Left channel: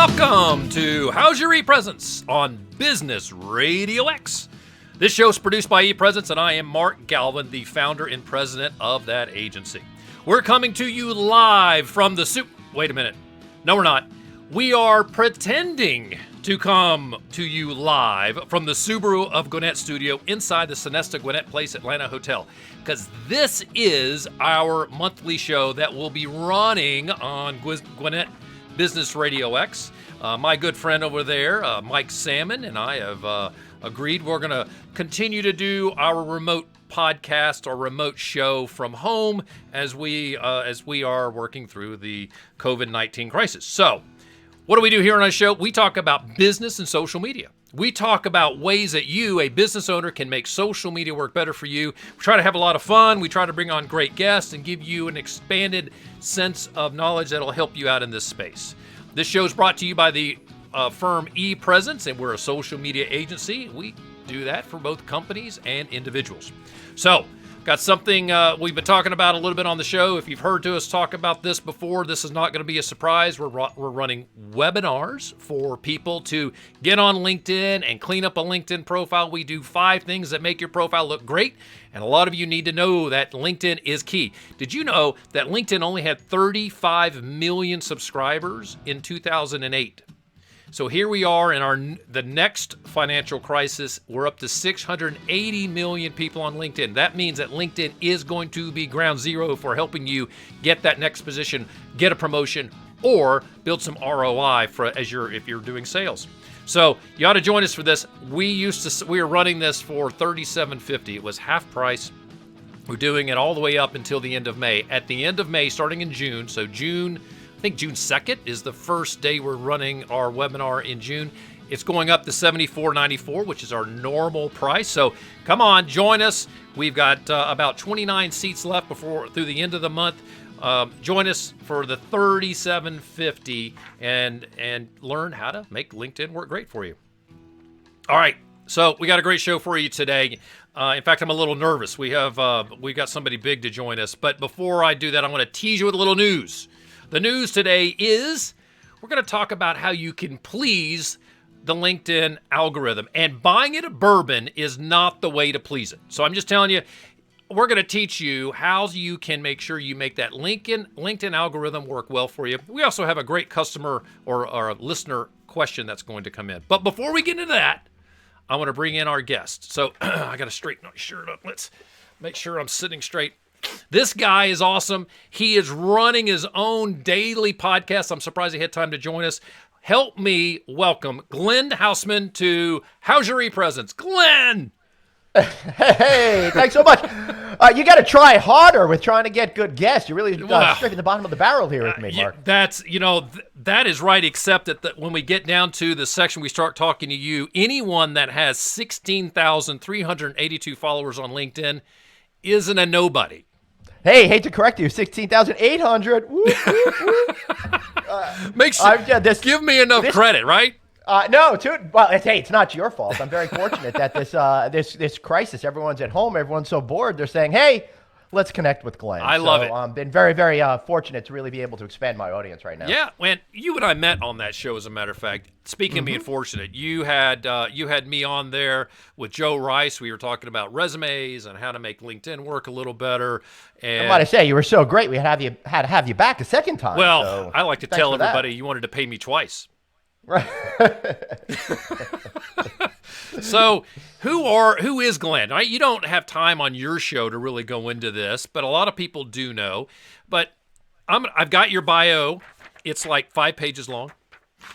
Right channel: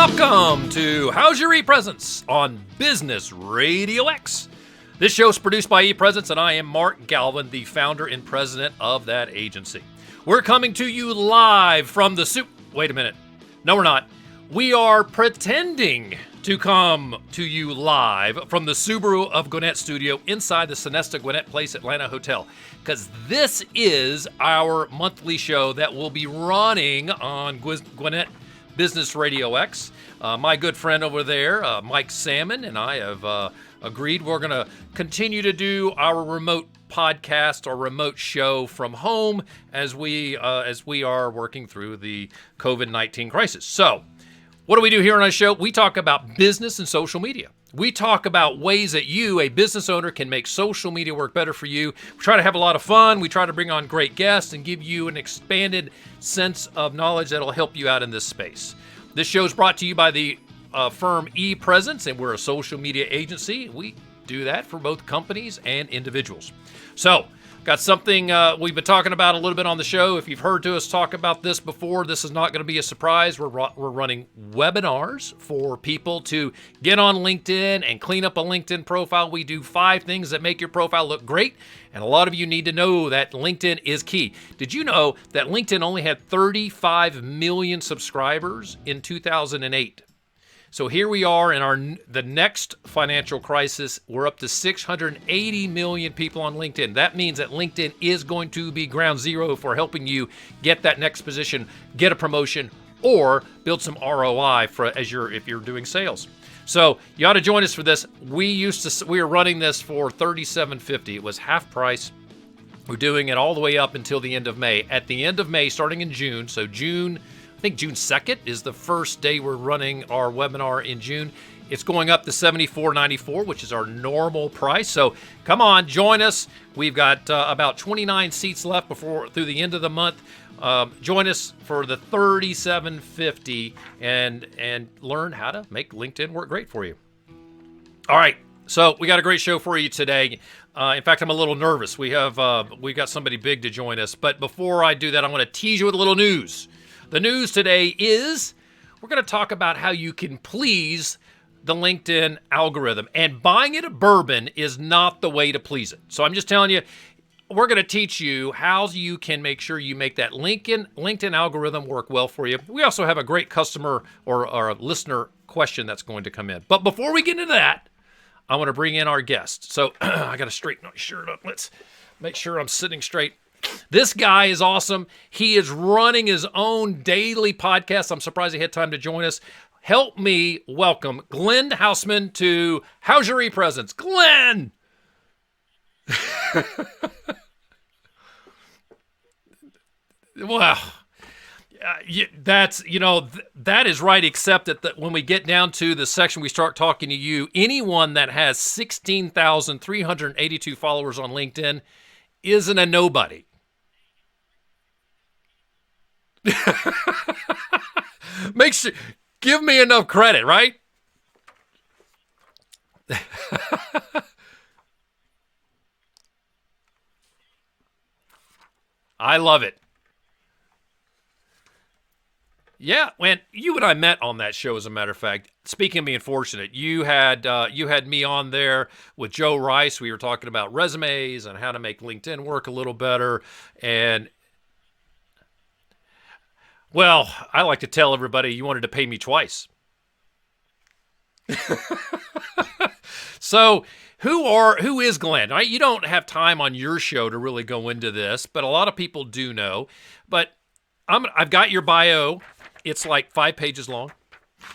Welcome to How's Your ePresence on Business RadioX. This show is produced by ePresence, and I am Mark Galvin, the founder and president of that agency. We're coming to you live from the Wait a minute. No, we're not. We are pretending to come to you live from the Subaru of Gwinnett studio inside the Sonesta Gwinnett Place Atlanta Hotel, because this is our monthly show that will be running on Gwinnett Business RadioX. My good friend over there, Mike Salmon, and I have agreed we're going to continue to do our remote podcast or remote show from home as we are working through the COVID-19 crisis. So, what do we do here on our show? We talk about business and social media. We talk about ways that you, a business owner, can make social media work better for you. We try to have a lot of fun. We try to bring on great guests and give you an expanded sense of knowledge that will help you out in this space. This show is brought to you by the firm ePresence, and we're a social media agency. We do that for both companies and individuals. So, got something we've been talking about a little bit on the show. If you've heard us talk about this before, this is not going to be a surprise. We're running webinars for people to get on LinkedIn and clean up a LinkedIn profile. We do 5 things that make your profile look great, and a lot of you need to know that LinkedIn is key. Did you know that LinkedIn only had 35 million subscribers in 2008? So here we are in the next financial crisis. We're up to 680 million people on LinkedIn. That means that LinkedIn is going to be ground zero for helping you get that next position, get a promotion, or build some ROI if you're doing sales. So you ought to join us for this. We were running this for $37.50. It was half price. We're doing it all the way up until the end of May. At the end of May, starting in June, so I think June 2nd is the first day we're running our webinar in June. It's going up to $74.94, which is our normal price. So come on, join us. We've got about 29 seats left through the end of the month. Join us for the $37.50 and learn how to make LinkedIn work great for you. All right, so we got a great show for you today. In fact, I'm a little nervous. We got somebody big to join us. But before I do that, I want to tease you with a little news. The news today is we're going to talk about how you can please the LinkedIn algorithm. And buying it a bourbon is not the way to please it. So I'm just telling you, we're going to teach you how you can make sure you make that LinkedIn algorithm work well for you. We also have a great customer or a listener question that's going to come in. But before we get into that, I want to bring in our guest. So I got to straighten my shirt up. Let's make sure I'm sitting straight. This guy is awesome. He is running his own daily podcast. I'm surprised he had time to join us. Help me welcome Glenn Haussman to How's Your ePresence? Glenn! Hey, thanks so much. You got to try harder with trying to get good guests. You really scraping the bottom of the barrel here with me, Mark. That is right, except that when we get down to the section we start talking to you, anyone that has 16,382 followers on LinkedIn isn't a nobody. Hey, hate to correct you, 16,800. Give me enough credit, right? No, it's not your fault. I'm very fortunate that this crisis, everyone's at home, everyone's so bored. They're saying, hey, let's connect with Glenn. I love it. I've been very, very fortunate to really be able to expand my audience right now. Yeah, when you and I met on that show, as a matter of fact, speaking of being fortunate, you had me on there with Joe Rice. We were talking about resumes and how to make LinkedIn work a little better. And I say, you were so great. We had to have you back a second time. Well, so I like to tell everybody you wanted to pay me twice. Right. So who is Glenn? Right? You don't have time on your show to really go into this, but a lot of people do know. But I've got your bio. It's like 5 pages long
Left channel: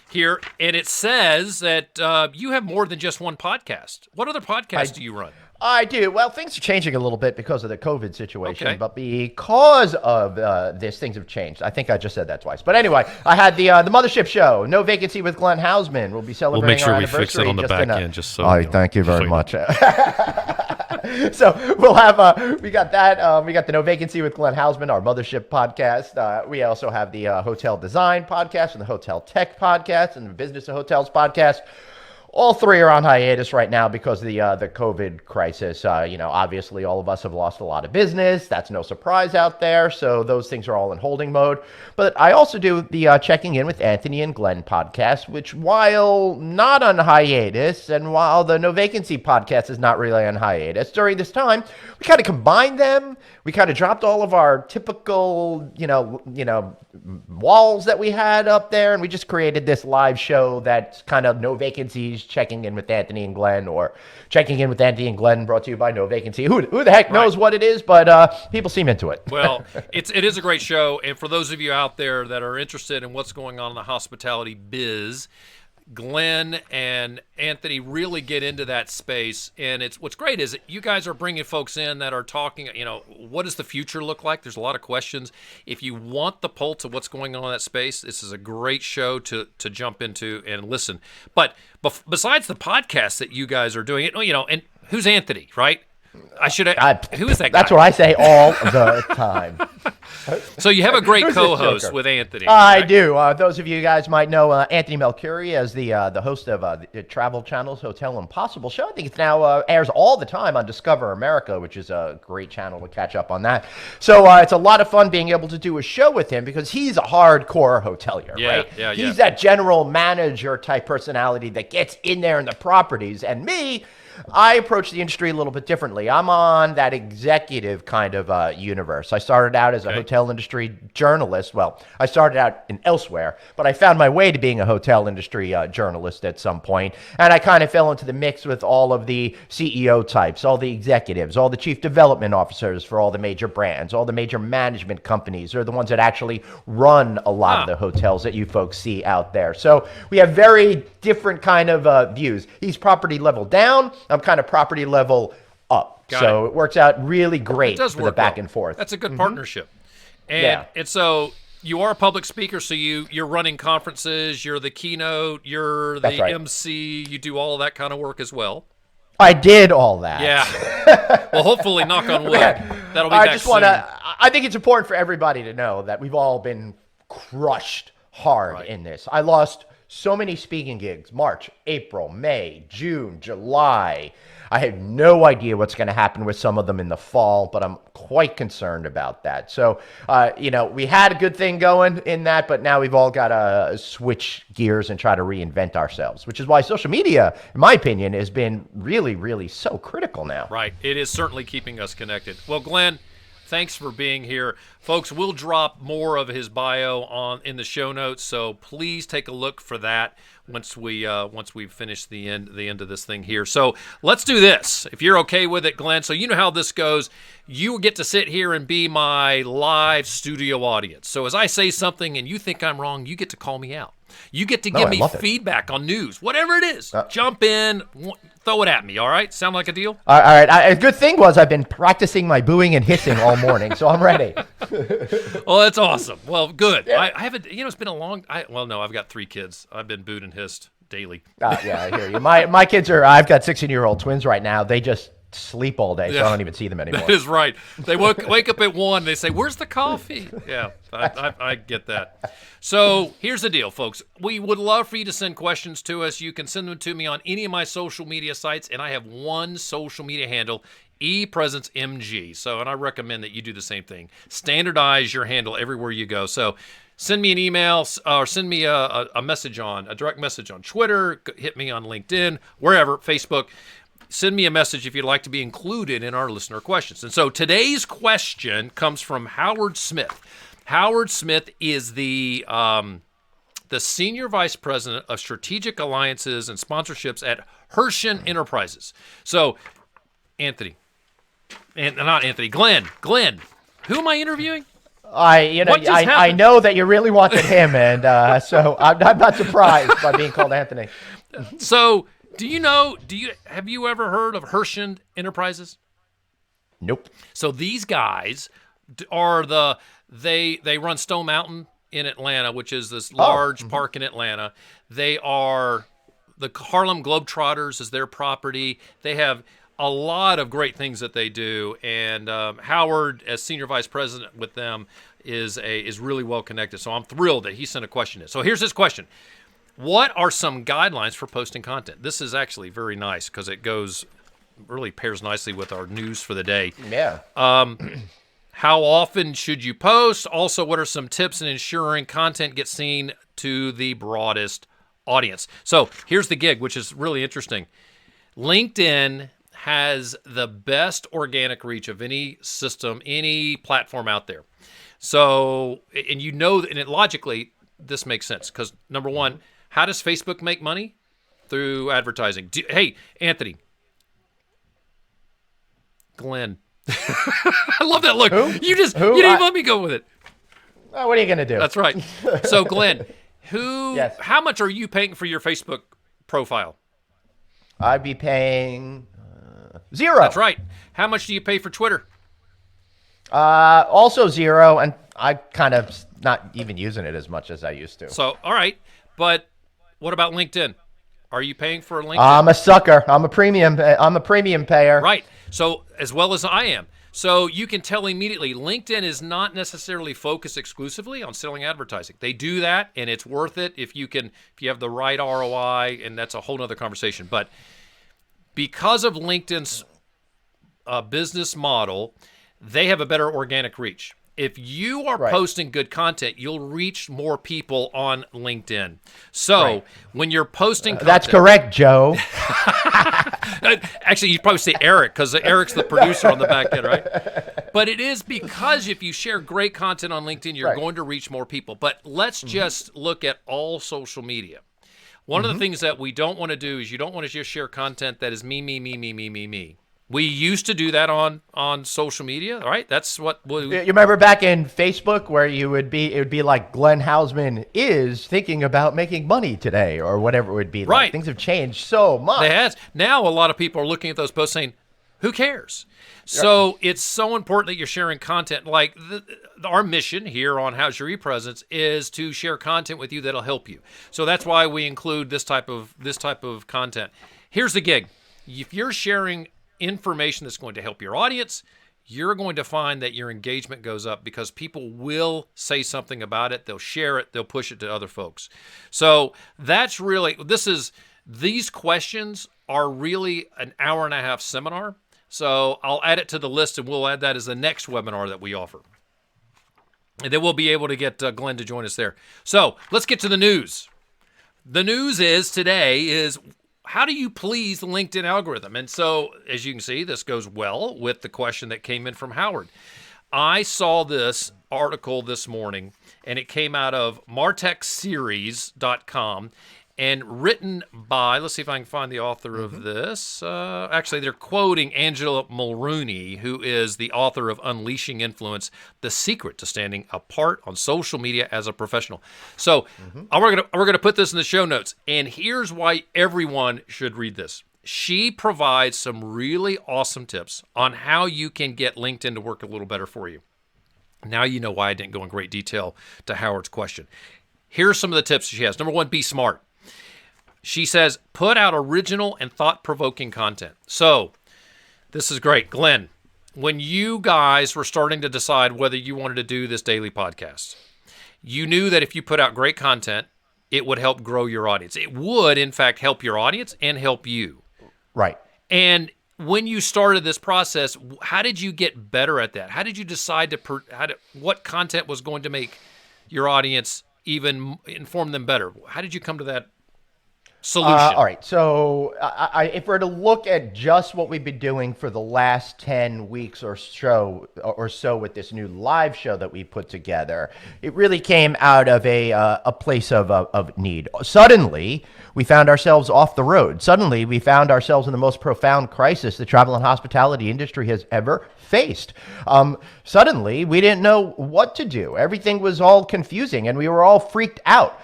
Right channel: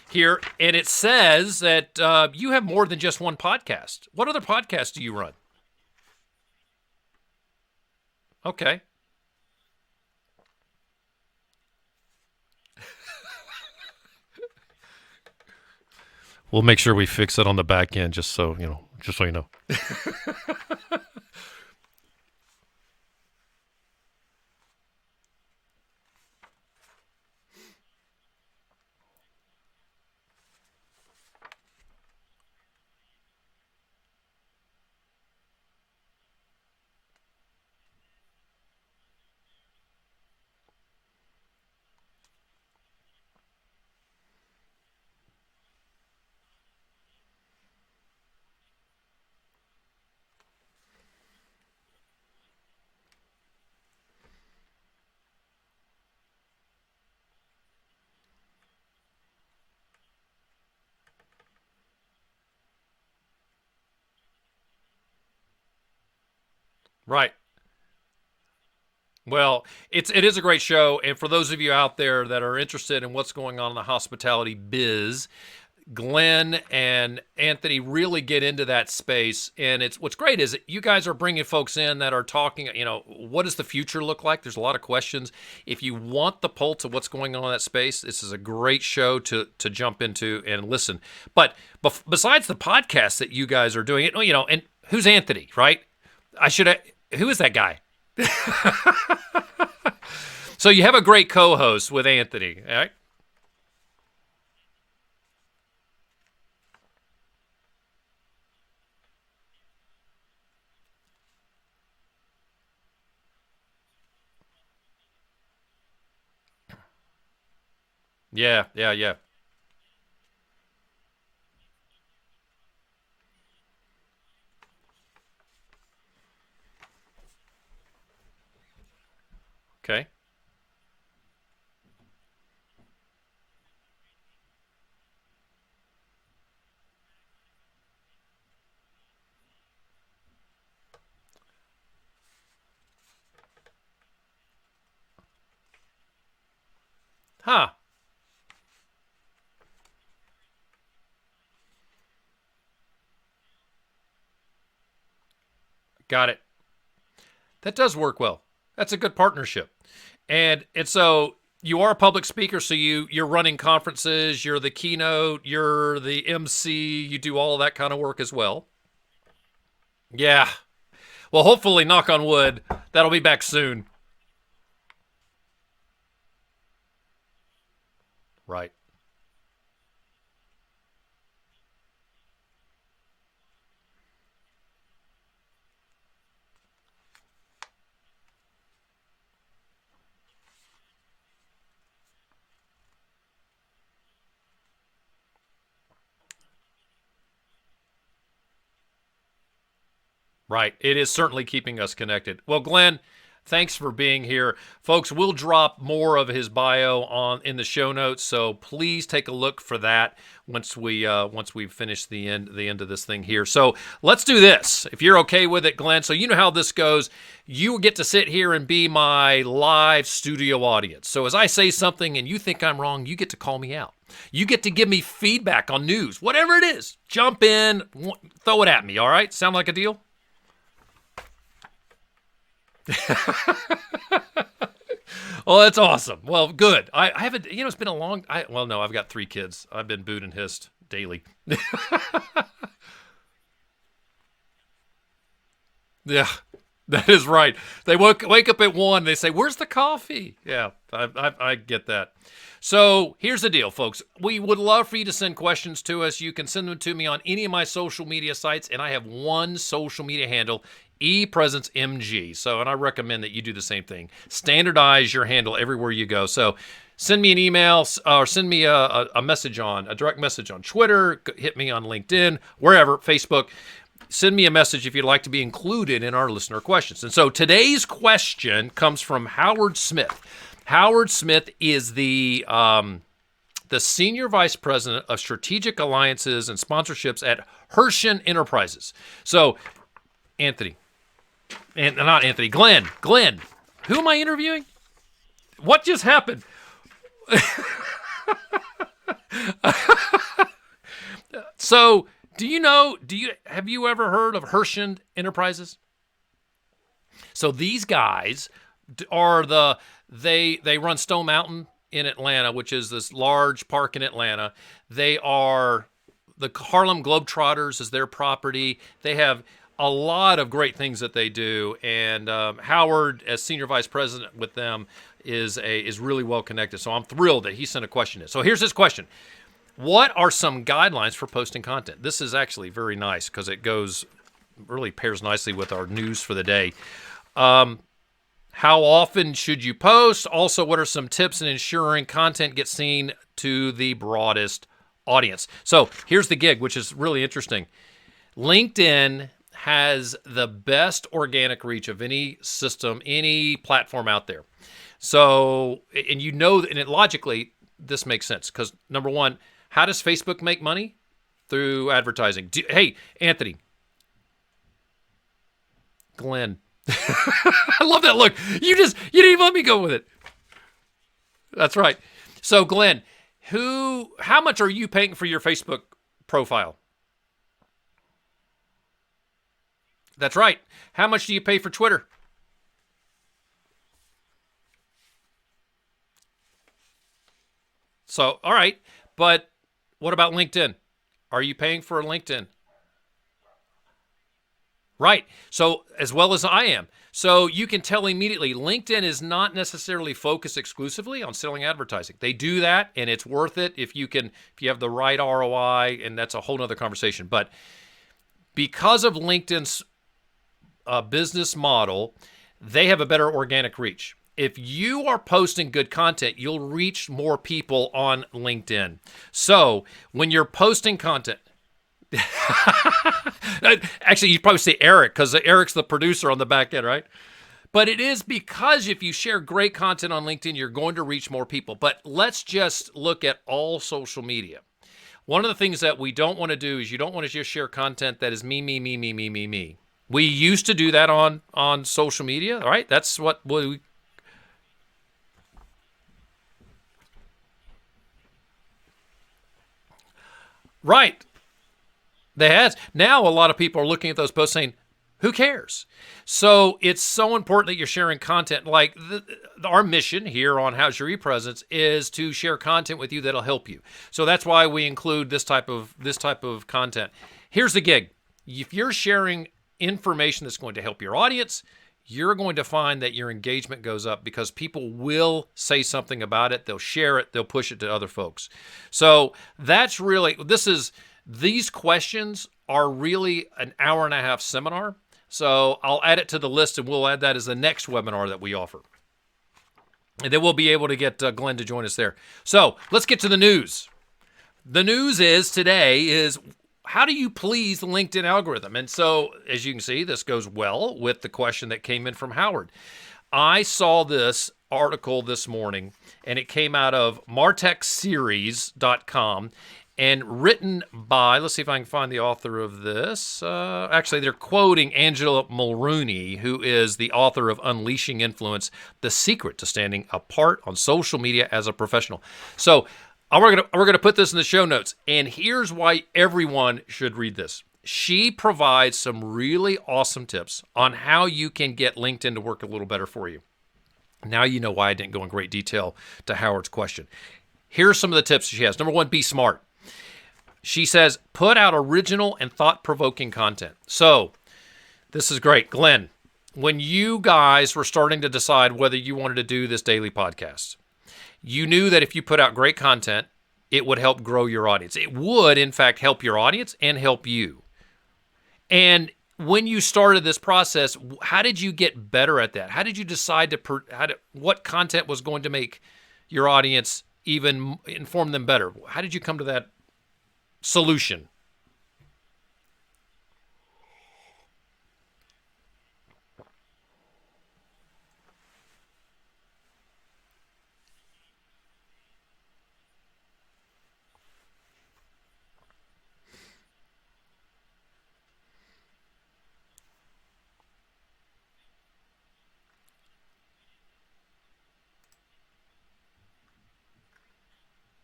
here, and it says that you have more than just one podcast. What other podcasts do you run? I do. Well, things are changing a little bit because of the COVID situation. Okay. But because of this, things have changed. I think I just said that twice. But anyway, I had the Mothership Show, No Vacancy with Glenn Haussman. We'll be celebrating. We'll make sure we fix it on the back end, just so. Thank you very much. So we'll have we got that. We got the No Vacancy with Glenn Haussman, our Mothership podcast. We also have the Hotel Design podcast and the Hotel Tech podcast and the Business of Hotels podcast. All three are on hiatus right now because of the COVID crisis. Obviously, all of us have lost a lot of business. That's no surprise out there. So those things are all in holding mode. But I also do the Checking In with Anthony and Glenn podcast, which, while not on hiatus, and while the No Vacancy podcast is not really on hiatus, during this time, we kind of combined them. We kind of dropped all of our typical, walls that we had up there, and we just created this live show that's kind of No Vacancies, Checking In with Anthony and Glenn, or Checking In with Anthony and Glenn, brought to you by No Vacancy. Who the heck knows what it is, but people seem into it. Well, it is a great show, and for those of you out there that are interested in what's going on in the hospitality biz, Glenn and Anthony really get into that space, and what's great is that you guys are bringing folks in that are talking, what does the future look like? There's a lot of questions. If you want the pulse of what's going on in that space, this is a great show to jump into and listen. But besides the podcast that you guys are doing, and who's Anthony, right? Who is that guy? That's what I say all the time. So you have a great co-host with Anthony. I do. Those of you guys might know Anthony Melchiorri as the host of the Travel Channel's Hotel Impossible show. I think it's now airs all the time on Discover America, which is a great channel to catch up on that. So it's a lot of fun being able to do a show with him because he's a hardcore hotelier. Yeah, right? yeah. He's that general manager type personality that gets in there in the properties. And me, I approach the industry a little bit differently. I'm on that executive kind of universe. I started out as a hotel industry journalist. Well, I started out in elsewhere, but I found my way to being a hotel industry journalist at some point. And I kind of fell into the mix with all of the CEO types, all the executives, all the chief development officers for all the major brands, all the major management companies. They're the ones that actually run a lot of the hotels that you folks see out there. So we have very different kind of views. He's property level down. I'm kind of property level up. So it works out really great. It does work back and forth. That's a good partnership. And so you are a public speaker, so you're running conferences, you're the keynote, you're the MC, you do all of that kind of work as well. I did all that. Yeah. Well, hopefully, knock on wood, that'll be back soon. I think it's important for everybody to know that we've all been crushed hard in this. I lost so many speaking gigs: March, April, May, June, July. I have no idea what's going to happen with some of them in the fall, but I'm quite concerned about that. So, we had a good thing going in that, but now we've all got to switch gears and try to reinvent ourselves, which is why social media, in my opinion, has been really, really so critical now. Right. It is certainly keeping us connected. Well, Glenn, thanks for being here. Folks, we'll drop more of his bio in the show notes, so please take a look for that once we finish the end of this thing here. So let's do this, if you're okay with it, Glenn. So you know how this goes. You get to sit here and be my live studio audience. So as I say something and you think I'm wrong, you get to call me out. You get to give me feedback on news, whatever it is. Jump in, throw it at me, all right? Sound like a deal? All right. A good thing was I've been practicing my booing and hissing all morning, so I'm ready. Well, that's awesome. Well, good. I haven't, it's been a long, I've got 3 kids. I've been booed and hissed daily. I hear you. My kids I've got 16-year-old twins right now. They just sleep all day, so I don't even see them anymore. That is right. They wake up at 1, they say, "Where's the coffee?" Yeah, I get that. So here's the deal, folks. We would love for you to send questions to us. You can send them to me on any of my social media sites, and I have one social media handle, ePresenceMG. So, and I recommend that you do the same thing. Standardize your handle everywhere you go. So send me an email or send me a direct message on Twitter, hit me on LinkedIn, wherever, Facebook. Send me a message if you'd like to be included in our listener questions. And so today's question comes from Howard Smith. Howard Smith is the Senior Vice President of Strategic Alliances and Sponsorships at Hershen Enterprises. So, Glenn, who am I interviewing? What just happened? I know that you really wanted him, and so I'm not surprised by being called Anthony. So, have you ever heard of Hershen Enterprises? Nope. So these guys are they run Stone Mountain in Atlanta, which is this large park in Atlanta. They are the Harlem Globetrotters is their property. They have a lot of great things that they do, and Howard, as senior vice president with them, is really well connected. So I'm thrilled that he sent a question in. So here's his question: What are some guidelines for posting content? This is actually very nice because it really pairs nicely with our news for the day. Yeah. How often should you post? Also, what are some tips in ensuring content gets seen to the broadest audience? So here's the gig, which is really interesting. LinkedIn has the best organic reach of any system, any platform out there. So, and logically, this makes sense because number one, how does Facebook make money? Through advertising. Hey, Anthony. Glenn. I love that look. Who? You didn't even let me go with it. Well, what are you going to do? That's right. So, Glenn, Yes. how much are you paying for your Facebook profile? I'd be paying 0. That's right. How much do you pay for Twitter? Also 0, and I kind of not even using it as much as I used to. So, all right. But what about LinkedIn? Are you paying for LinkedIn? I'm a sucker. I'm a premium payer. Right. So, as well as I am. So, you can tell immediately LinkedIn is not necessarily focused exclusively on selling advertising. They do that, and it's worth it if you have the right ROI, and that's a whole nother conversation. But because of LinkedIn's business model, they have a better organic reach. If you are posting good content, you'll reach more people on LinkedIn. So when you're posting content... That's correct, Joe. Actually, you'd probably say Eric, because Eric's the producer on the back end, right? But it is because if you share great content on LinkedIn, you're going to reach more people. But let's just look at all social media. One of the things that we don't want to do is you don't want to just share content that is me, me, me, me, me, me, me. We used to do that on social media, all right? That's what You remember back in Facebook where it would be like Glenn Haussman is thinking about making money today or whatever it would be. Right. Like, things have changed so much. They has. Now a lot of people are looking at those posts saying, who cares? So it's so important that you're sharing content. Like our mission here on How's Your ePresence is to share content with you that'll help you. So that's why we include this type of content. Here's the gig. If you're sharing information that's going to help your audience, you're going to find that your engagement goes up because people will say something about it. They'll share it. They'll push it to other folks. So that's really, these questions are really an hour and a half seminar. So I'll add it to the list and we'll add that as the next webinar that we offer. And then we'll be able to get Glenn to join us there. So let's get to the news. The news today is how do you please the LinkedIn algorithm? And so, as you can see, this goes well with the question that came in from Howard. I saw this article this morning, and it came out of martechseries.com and written by, let's see if I can find the author of this. Actually, they're quoting Angela Mulrooney, who is the author of Unleashing Influence, The Secret to Standing Apart on Social Media as a Professional. So we're gonna put this in the show notes, and here's why everyone should read this. She provides some really awesome tips on how you can get LinkedIn to work a little better for you. Now you know why I didn't go in great detail to Howard's question. Here's some of the tips she has. Number one, be smart. She says, put out original and thought-provoking content. So this is great. Glenn, when you guys were starting to decide whether you wanted to do this daily podcast, you knew that if you put out great content, it would help grow your audience. It would, in fact, help your audience and help you. Right. And when you started this process, how did you get better at that? How did you decide what content was going to make your audience even inform them better? How did you come to that solution? All right. So if we're to look at just what we've been doing for the last 10 weeks or so with this new live show that we put together, it really came out of a place of need. Suddenly, we found ourselves off the road. Suddenly, we found ourselves in the most profound crisis the travel and hospitality industry has ever faced. Suddenly, we didn't know what to do. Everything was all confusing, and we were all freaked out.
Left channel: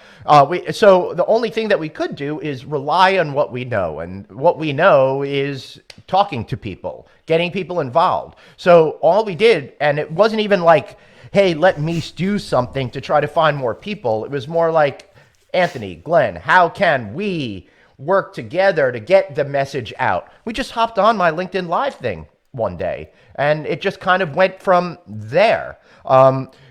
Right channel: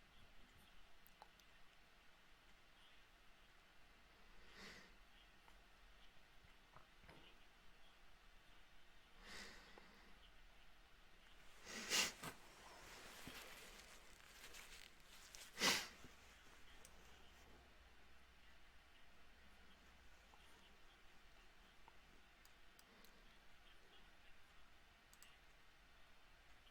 So the only thing that we could do is rely on what we know, and what we know is talking to people, getting people involved. So all we did, and it wasn't even like, hey, let me do something to try to find more people. It was more like, Anthony, Glenn, how can we work together to get the message out? We just hopped on my LinkedIn Live thing one day, and it just kind of went from there.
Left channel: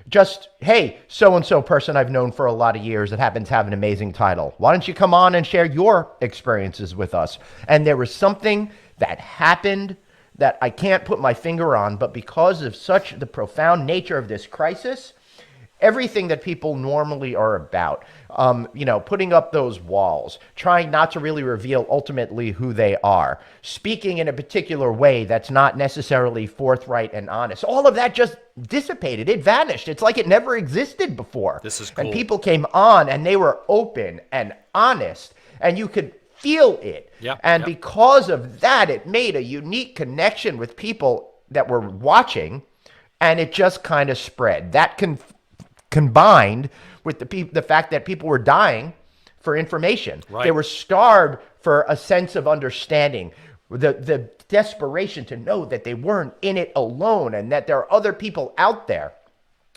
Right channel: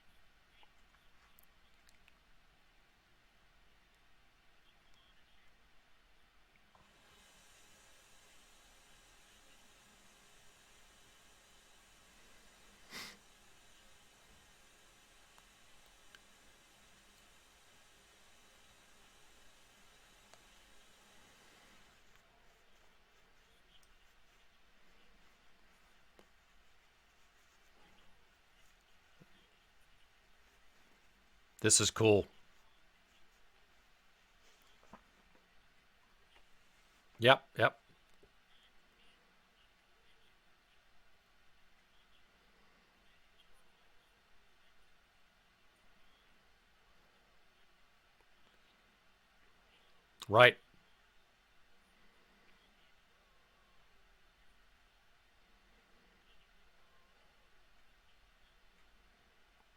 just, hey, so-and-so person I've known for a lot of years that happens to have an amazing title. Why don't you come on and share your experiences with us? And there was something that happened that I can't put my finger on, but because of such the profound nature of this crisis, everything that people normally are about, putting up those walls, trying not to really reveal ultimately who they are, speaking in a particular way that's not necessarily forthright and honest. All of that just dissipated. It vanished. It's like it never existed before. This is cool. And people came on and they were open and honest, and you could feel it. Yep. Because of that, it made a unique connection with people that were watching, and it just kind of spread. That combined with the fact that people were dying for information. Right. They were starved for a sense of understanding, the desperation to know that they weren't in it alone and that there are other people out there.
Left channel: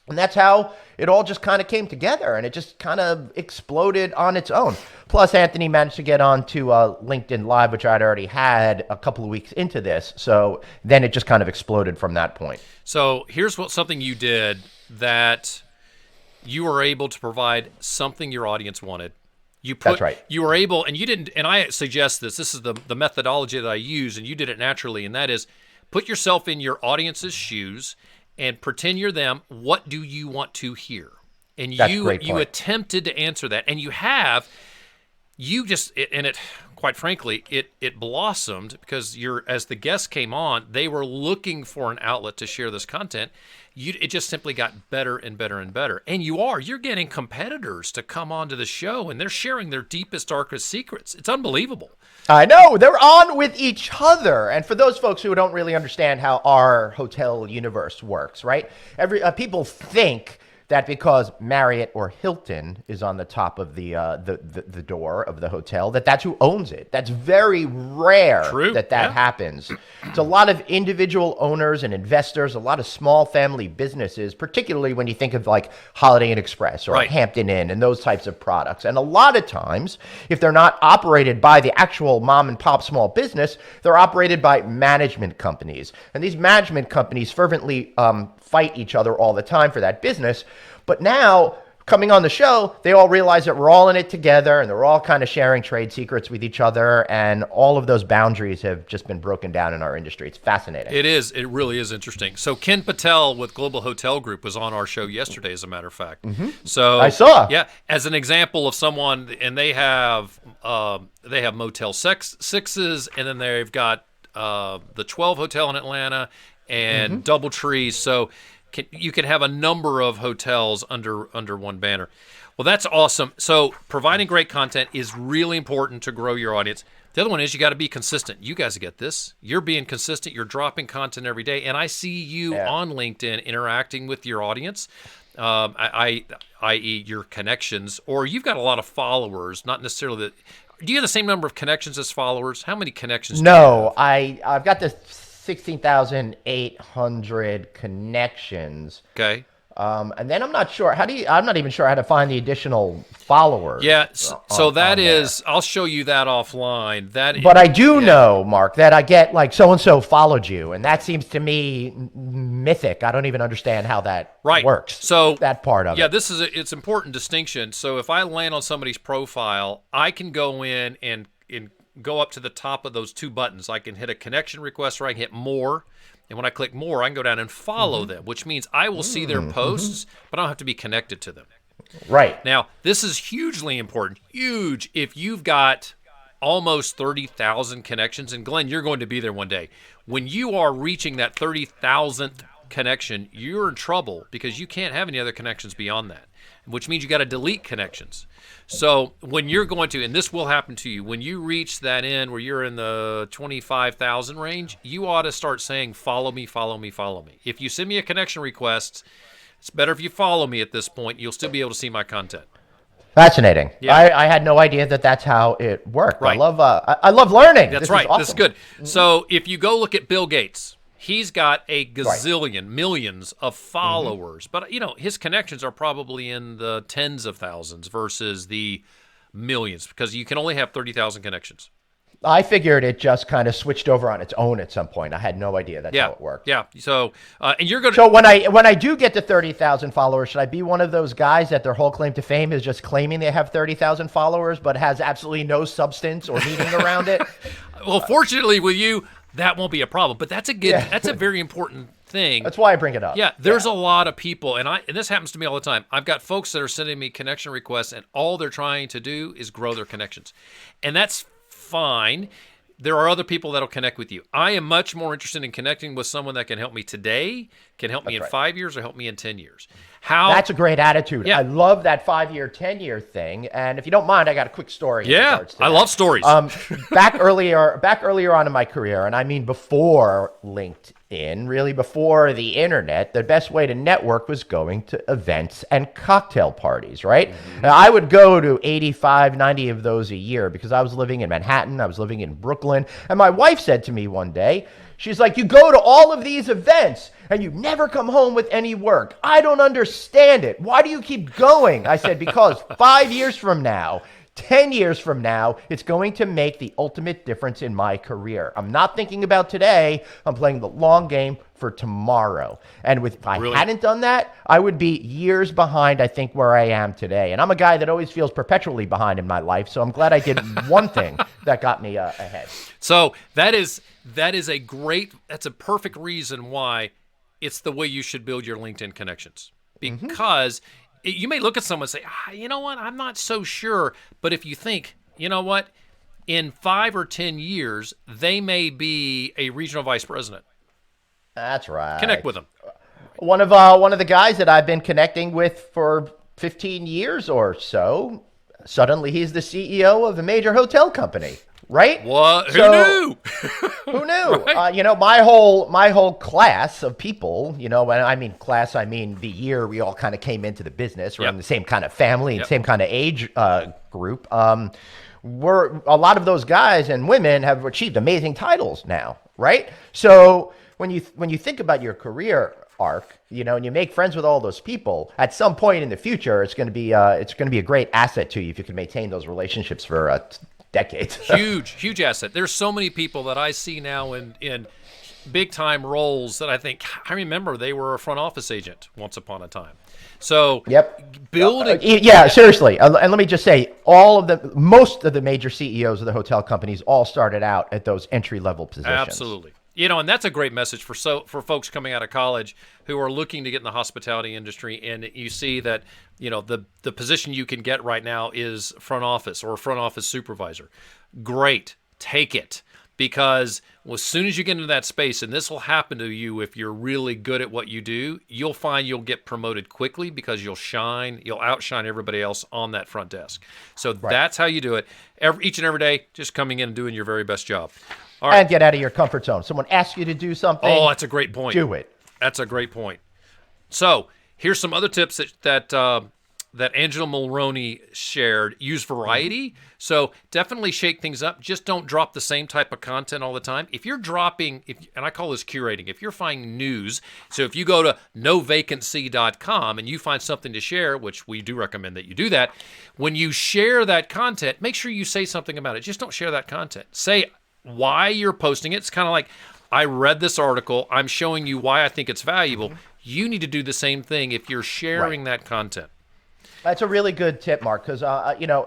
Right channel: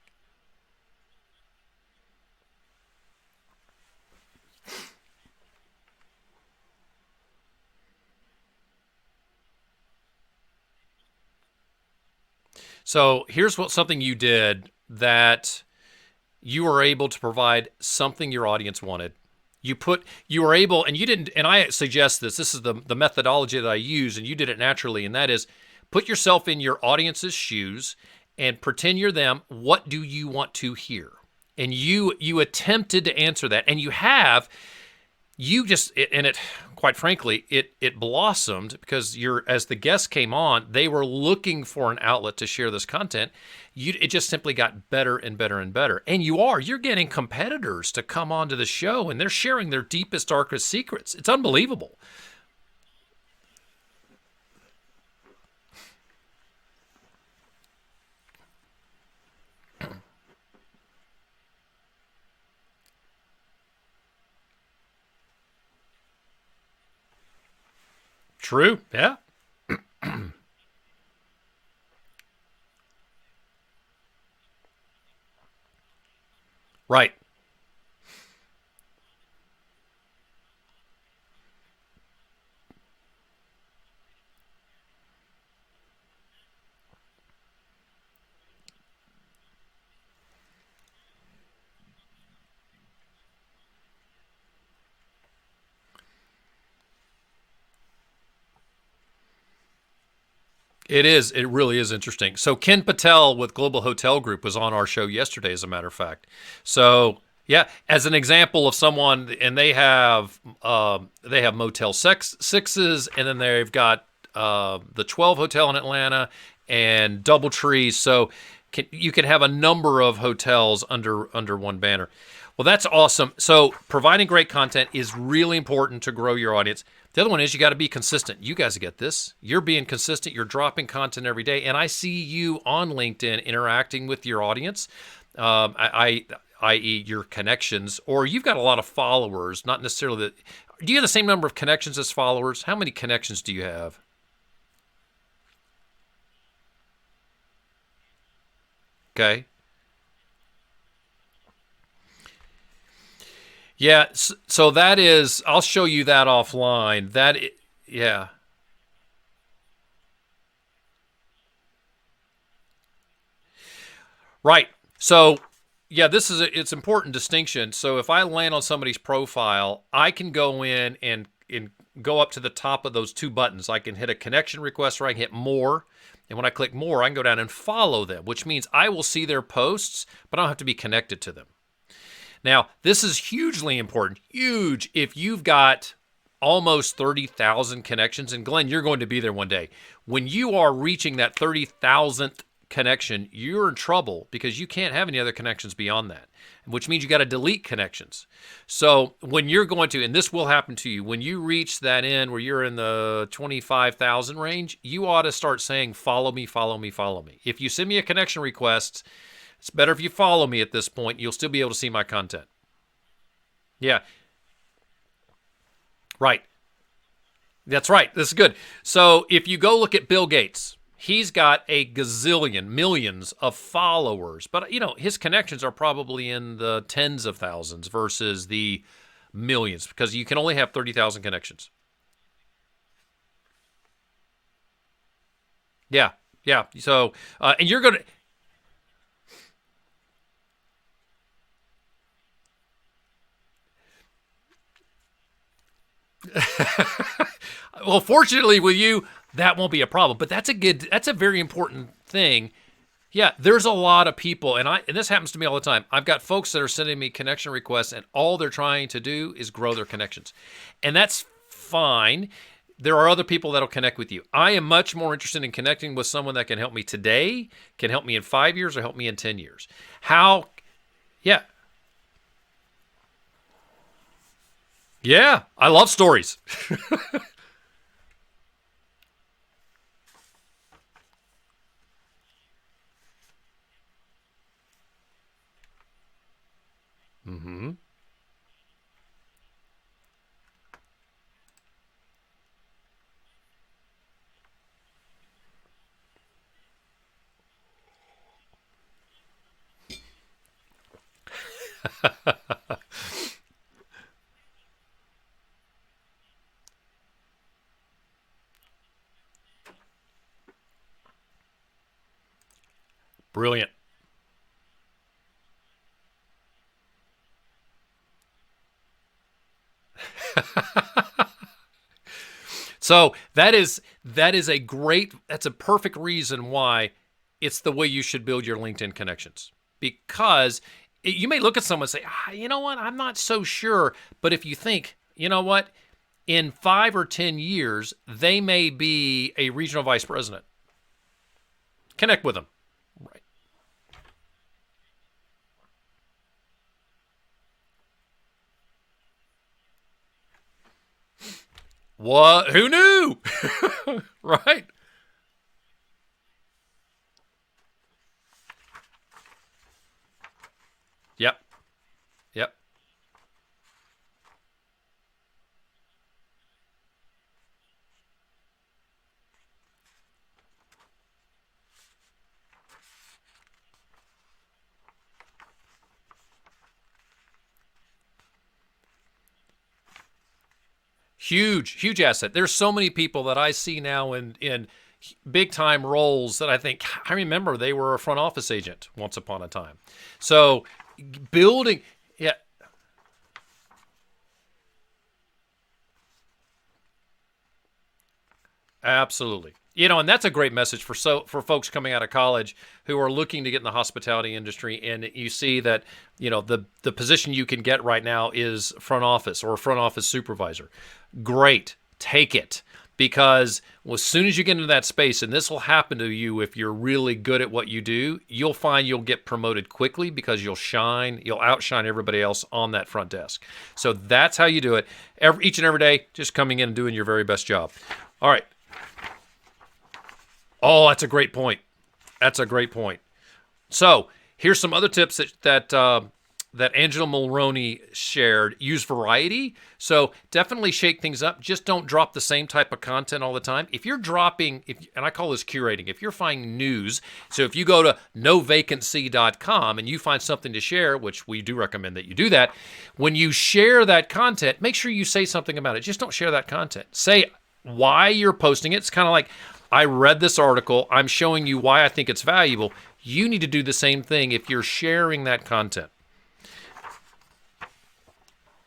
And that's how it all just kind of came together, and it just kind of exploded on its own. Plus, Anthony managed to get on to LinkedIn Live, which I'd already had a couple of weeks into this. So then it just kind of exploded from that point. So here's something you did that you were able to provide something your audience wanted. That's right. You were able, and you didn't, and I suggest this is the methodology that I use, and you did it naturally, and that is put yourself in your audience's shoes and pretend you're them. What do you want to hear? And you attempted to answer that, and quite frankly, it blossomed because as the guests came on, they were looking for an outlet to share this content. It just simply got better and better and better. And you're getting competitors to come onto the show, and they're sharing their deepest, darkest secrets. It's unbelievable. I know. They're on with each other. And for those folks who don't really understand how our hotel universe works, right? People think that because Marriott or Hilton is on the top of the door of the hotel, that's who owns it. That's very rare. True. that happens. It's a lot of individual owners and investors, a lot of small family businesses, particularly when you think of like Holiday Inn Express or Hampton Inn and those types of products. And a lot of times, if they're not operated by the actual mom and pop small business, they're operated by management companies. And these management companies fervently fight each other all the time for that business. But now, coming on the show, they all realize that we're all in it together, and they're all kind of sharing trade secrets with each other, and all of those boundaries have just been broken down in our industry. It's fascinating. It is. It really is interesting. So Ken Patel with Global Hotel Group was on our show yesterday, as a matter of fact. Mm-hmm. So I saw. Yeah, as an example of someone, and they have Motel Sixes, and then they've got the 12 Hotel in Atlanta and DoubleTree. So you can have a number of hotels under one banner. Well, that's awesome. So providing great content is really important to grow your audience. The other one is you got to be consistent. You guys get this. You're being consistent. You're dropping content every day. And I see you on LinkedIn interacting with your audience, i.e. your connections, or you've got a lot of followers, not necessarily that. Do you have the same number of connections as followers? How many connections do you have? No, I've got this 16,800 connections. Okay. And then I'm not even sure how to find the additional followers. Yeah, so that is, I'll show you that offline. But I do know, Mark, that I get like so-and-so followed you, and that seems to me mythic. I don't even understand how that works. So that part of it. Yeah, it's important distinction. So if I land on somebody's profile, I can go in and go up to the top of those two buttons. I can hit a connection request, or I can hit more. And when I click more, I can go down and follow them, which means I will see their posts, but I don't have to be connected to them. Right. Now, this is hugely important. Huge. If you've got almost 30,000 connections, and Glenn, you're going to be there one day. When you are reaching that 30,000th connection, you're in trouble because you can't have any other connections beyond that, which means you got to delete connections. So when you're going to, and this will happen to you, when you reach that end where you're in the 25,000 range, you ought to start saying, follow me, follow me, follow me. If you send me a connection request, it's better if you follow me at this point. You'll still be able to see my content. Fascinating. Yeah. I had no idea that's how it worked. Right. I love learning. That's right. Awesome. This is good. So if you go look at Bill Gates, he's got a gazillion, millions of followers, but his connections are probably in the tens of thousands versus the millions, because you can only have 30,000 connections. I figured it just kind of switched over on its own at some point. I had no idea that's how it worked. Yeah. So, and you're going to. So when I do get to 30,000 followers, should I be one of those guys that their whole claim to fame is just claiming they have 30,000 followers, but has absolutely no substance or meaning around it? Well, fortunately with you, that won't be a problem. But that's that's a very important thing. That's why I bring it up. Yeah, there's a lot of people, and this happens to me all the time. I've got folks that are sending me connection requests, and all they're trying to do is grow their connections, and that's fine. There are other people that'll connect with you. I am much more interested in connecting with someone that can help me today, can help me in 5 years, or help me in 10 years. That's a great attitude. Yeah. I love that 5-year, 10-year thing. And if you don't mind, I got a quick story. Yeah, I love stories. Back earlier on in my career, and I mean before LinkedIn, really before the internet, the best way to network was going to events and cocktail parties, right? Now, I would go to 85, 90 of those a year because I was living in Manhattan, I was living in Brooklyn, and my wife said to me one day, she's like, you go to all of these events and you never come home with any work. I don't understand it. Why do you keep going? I said, because 5 years from now, 10 years from now, it's going to make the ultimate difference in my career. I'm not thinking about today. I'm playing the long game for tomorrow. And if I hadn't done that, I would be years behind, I think, where I am today. And I'm a guy that always feels perpetually behind in my life. So I'm glad I did one thing that got me ahead. So that's a perfect reason why it's the way you should build your LinkedIn connections. Because you may look at someone and say, you know what, I'm not so sure. But if you think, you know what, in 5 or 10 years, they may be a regional vice president. That's right. Connect with them. One of the guys that I've been connecting with for 15 years or so, suddenly he's the CEO of a major hotel company. Right? What? Who knew? Who knew? Right. My whole class of people, when I mean class, I mean the year we all kind of came into the business. We're in the same kind of family and same kind of age group. A lot of those guys and women have achieved amazing titles now, right? So when you think about your career arc, and you make friends with all those people, at some point in the future, it's going to be a great asset to you if you can maintain those relationships for decades. Huge asset. There's so many people that I see now in big time roles that I think, I remember they were a front office agent once upon a time. So building. Seriously. And let me just say, most of the major CEOs of the hotel companies all started out at those entry level positions. Absolutely. And that's a great message for folks coming out of college who are looking to get in the hospitality industry. And you see that, the position you can get right now is front office or front office supervisor. Great. Take it. Because as soon as you get into that space, and this will happen to you if you're really good at what you do, you'll find you'll get promoted quickly because you'll outshine everybody else on that front desk. So that's how you do it. Each and every day, just coming in and doing your very best job. All right. And get out of your comfort zone. Someone asks you to do something. Oh, that's a great point. Do it. That's a great point. So here's some other tips that Angela Mulroney shared. Use variety. So definitely shake things up. Just don't drop the same type of content all the time. If you're dropping, and I call this curating, if you're finding news, so if you go to novacancy.com and you find something to share, which we do recommend that you do that, when you share that content, make sure you say something about it. Just don't share that content. Say why you're posting it. It's kind of like, I read this article. I'm showing you why I think it's valuable. You need to do the same thing if you're sharing that content. That's a really good tip, Mark, because,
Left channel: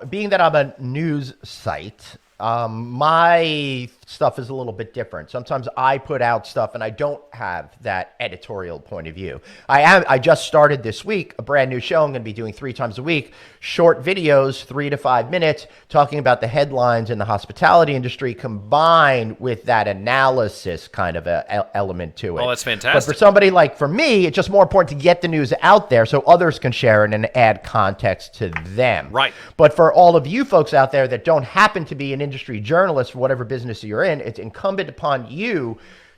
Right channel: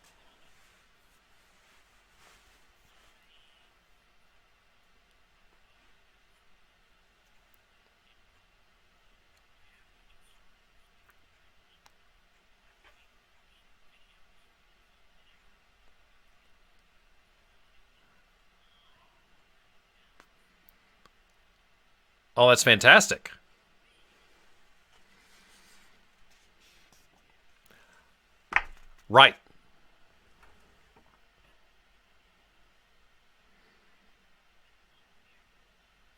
being that I'm a news site, my stuff is a little bit different. Sometimes I put out stuff and I don't have that editorial point of view. I just started this week a brand new show I'm going to be doing 3 times a week, short videos, 3 to 5 minutes, talking about the headlines in the hospitality industry combined with that analysis kind of element to it. Oh, that's fantastic. But for somebody for me, it's just more important to get the news out there so others can share it and add context to them. Right. But for all of you folks out there that don't happen to be an industry journalist for whatever business you're in, it's incumbent upon you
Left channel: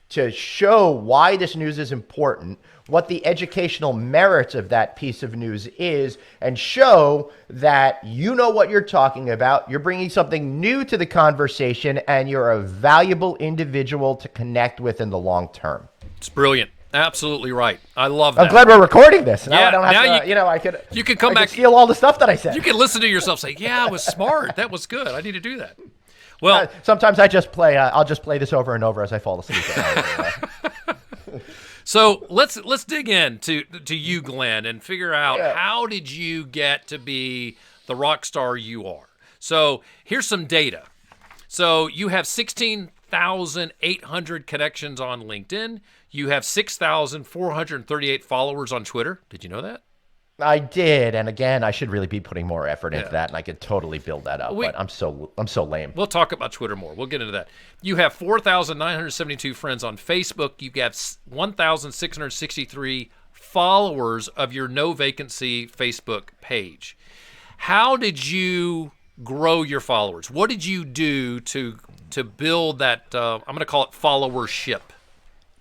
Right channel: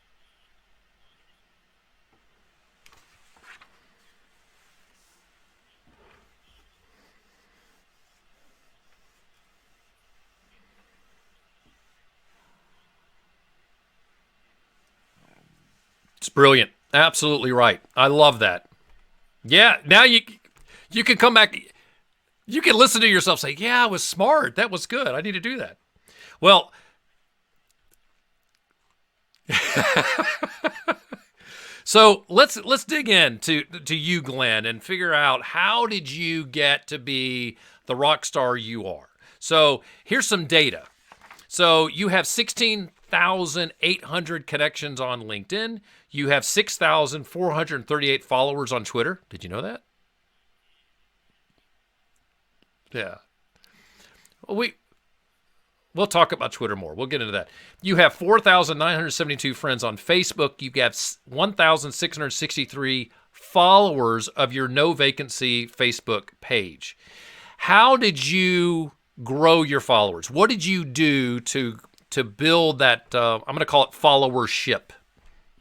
to show why this news is important, what the educational merits of that piece of news is, and show that you know what you're talking about, you're bringing something new to the conversation, and you're a valuable individual to connect with in the long term. It's brilliant. Absolutely right. I love that. I'm glad we're recording this. You can come back, steal all the stuff that I said. You can listen to yourself say, yeah, I was smart. That was good. I need to do that. Well, sometimes I just play. I'll just play this over and over as I fall asleep. so let's dig in to you, Glenn, and figure out how did you get to be the rock star you are. So here's some data. So you have 16,800 connections on LinkedIn. You have 6,438 followers on Twitter. Did you know that? I did, and again, I should really be putting more effort into that, and I could totally build that up. But I'm so lame. We'll talk about Twitter more. We'll get into that. You have 4,972 friends on Facebook. You have 1,663 followers of your No Vacancy Facebook page. How did you grow your followers? What did you do to build that? I'm going to call it followership.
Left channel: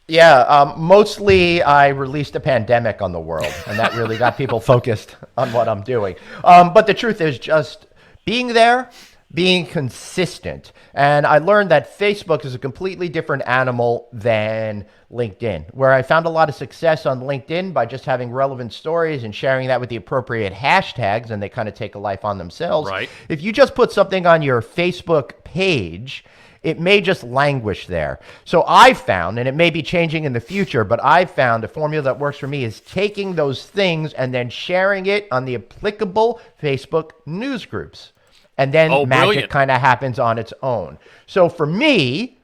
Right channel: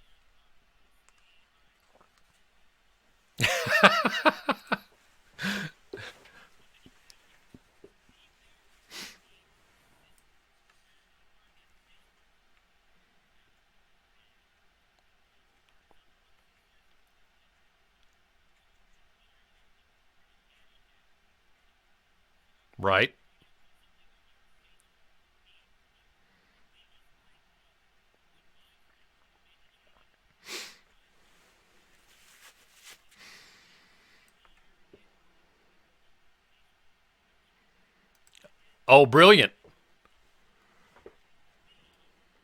Yeah, mostly I released a pandemic on the world, and that really got people focused on what I'm doing. But the truth is just being there, being consistent. And I learned that Facebook is a completely different animal than LinkedIn, where I found a lot of success on LinkedIn by just having relevant stories and sharing that with the appropriate hashtags, and they kind of take a life on themselves. Right. If you just put something on your Facebook page, it may just languish there. So I found, and it may be changing in the future, but I found a formula that works for me is taking those things and then sharing it on the applicable Facebook news groups. And then magic kind of happens on its own. So for me,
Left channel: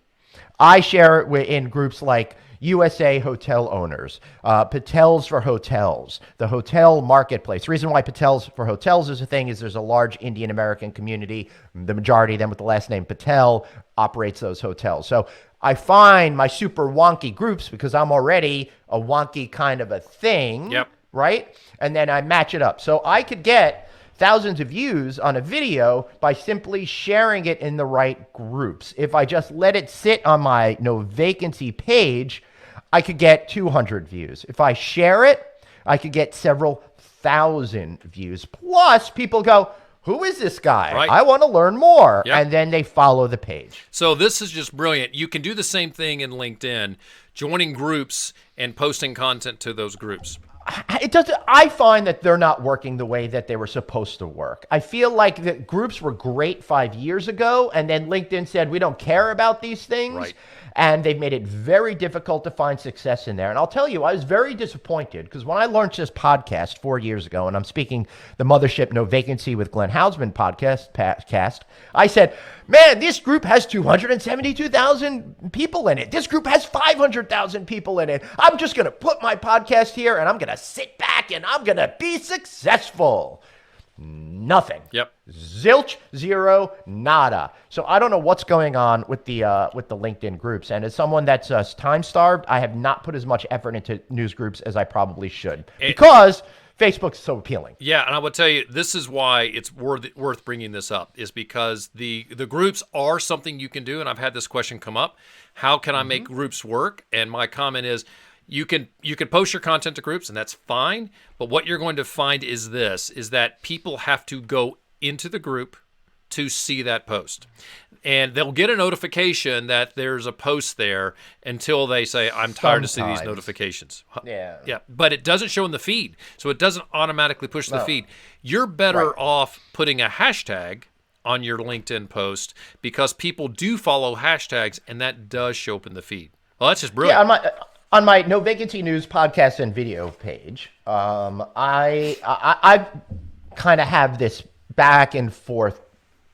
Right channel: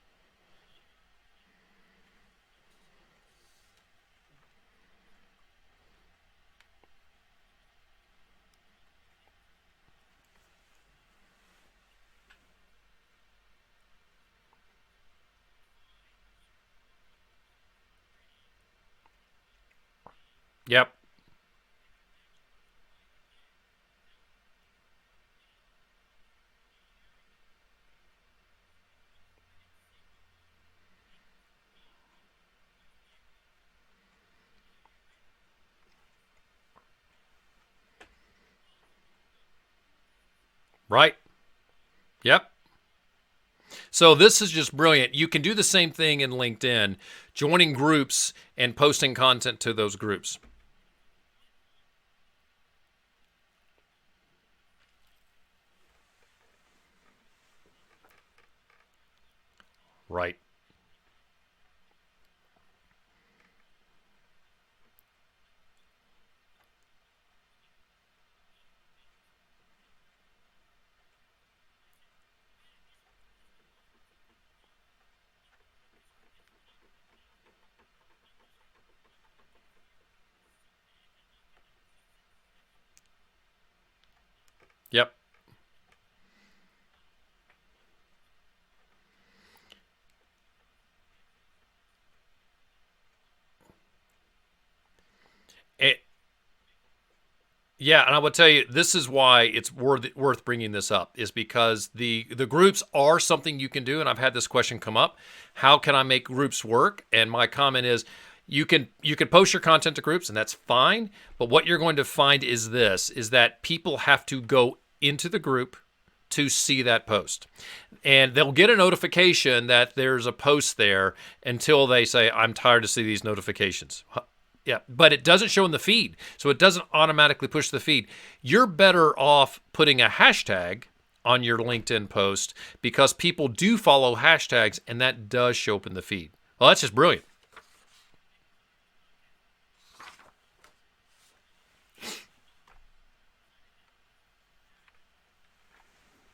I share it in groups like USA Hotel Owners, Patels for Hotels, the hotel marketplace. The reason why Patels for Hotels is a thing is there's a large Indian American community. The majority of them with the last name Patel operates those hotels. So I find my super wonky groups because I'm already a wonky kind of a thing, right? And then I match it up. So I could get thousands of views on a video by simply sharing it in the right groups. If I just let it sit on my No Vacancy page, I could get 200 views. If I share it, I could get several thousand views. Plus, people go, who is this guy? Right. I want to learn more. And then they follow the page. So this is just brilliant. You can do the same thing in LinkedIn, joining groups and posting content to those groups. I find that they're not working the way that they were supposed to work. I feel like the groups were great 5 years ago, and then LinkedIn said, we don't care about these things. Right. And they've made it very difficult to find success in there. And I'll tell you, I was very disappointed because when I launched this podcast 4 years ago, and I'm speaking the Mothership No Vacancy with Glenn Haussman podcast, I said, man, this group has 272,000 people in it. This group has 500,000 people in it. I'm just going to put my podcast here and I'm going to sit back and I'm going to be successful. Nothing. Yep. Zilch, zero, nada. So I don't know what's going on with the LinkedIn groups. And as someone that's time starved, I have not put as much effort into news groups as I probably should because Facebook's so appealing. Yeah, and I will tell you, this is why it's worth bringing this up, is because the groups are something you can do. And I've had this question come up: how can I make groups work? And my comment is, you can post your content to groups, and that's fine. But what you're going to find is that people have to go into the group to see that post. And they'll get a notification that there's a post there until they say, I'm tired to see these notifications. Yeah. But it doesn't show in the feed. So it doesn't automatically push the feed. You're better off putting a hashtag on your LinkedIn post because people do follow hashtags, and that does show up in the feed. Well, that's just brilliant. Yeah, on my No Vacancy News podcast and video page, I kind of have this back and forth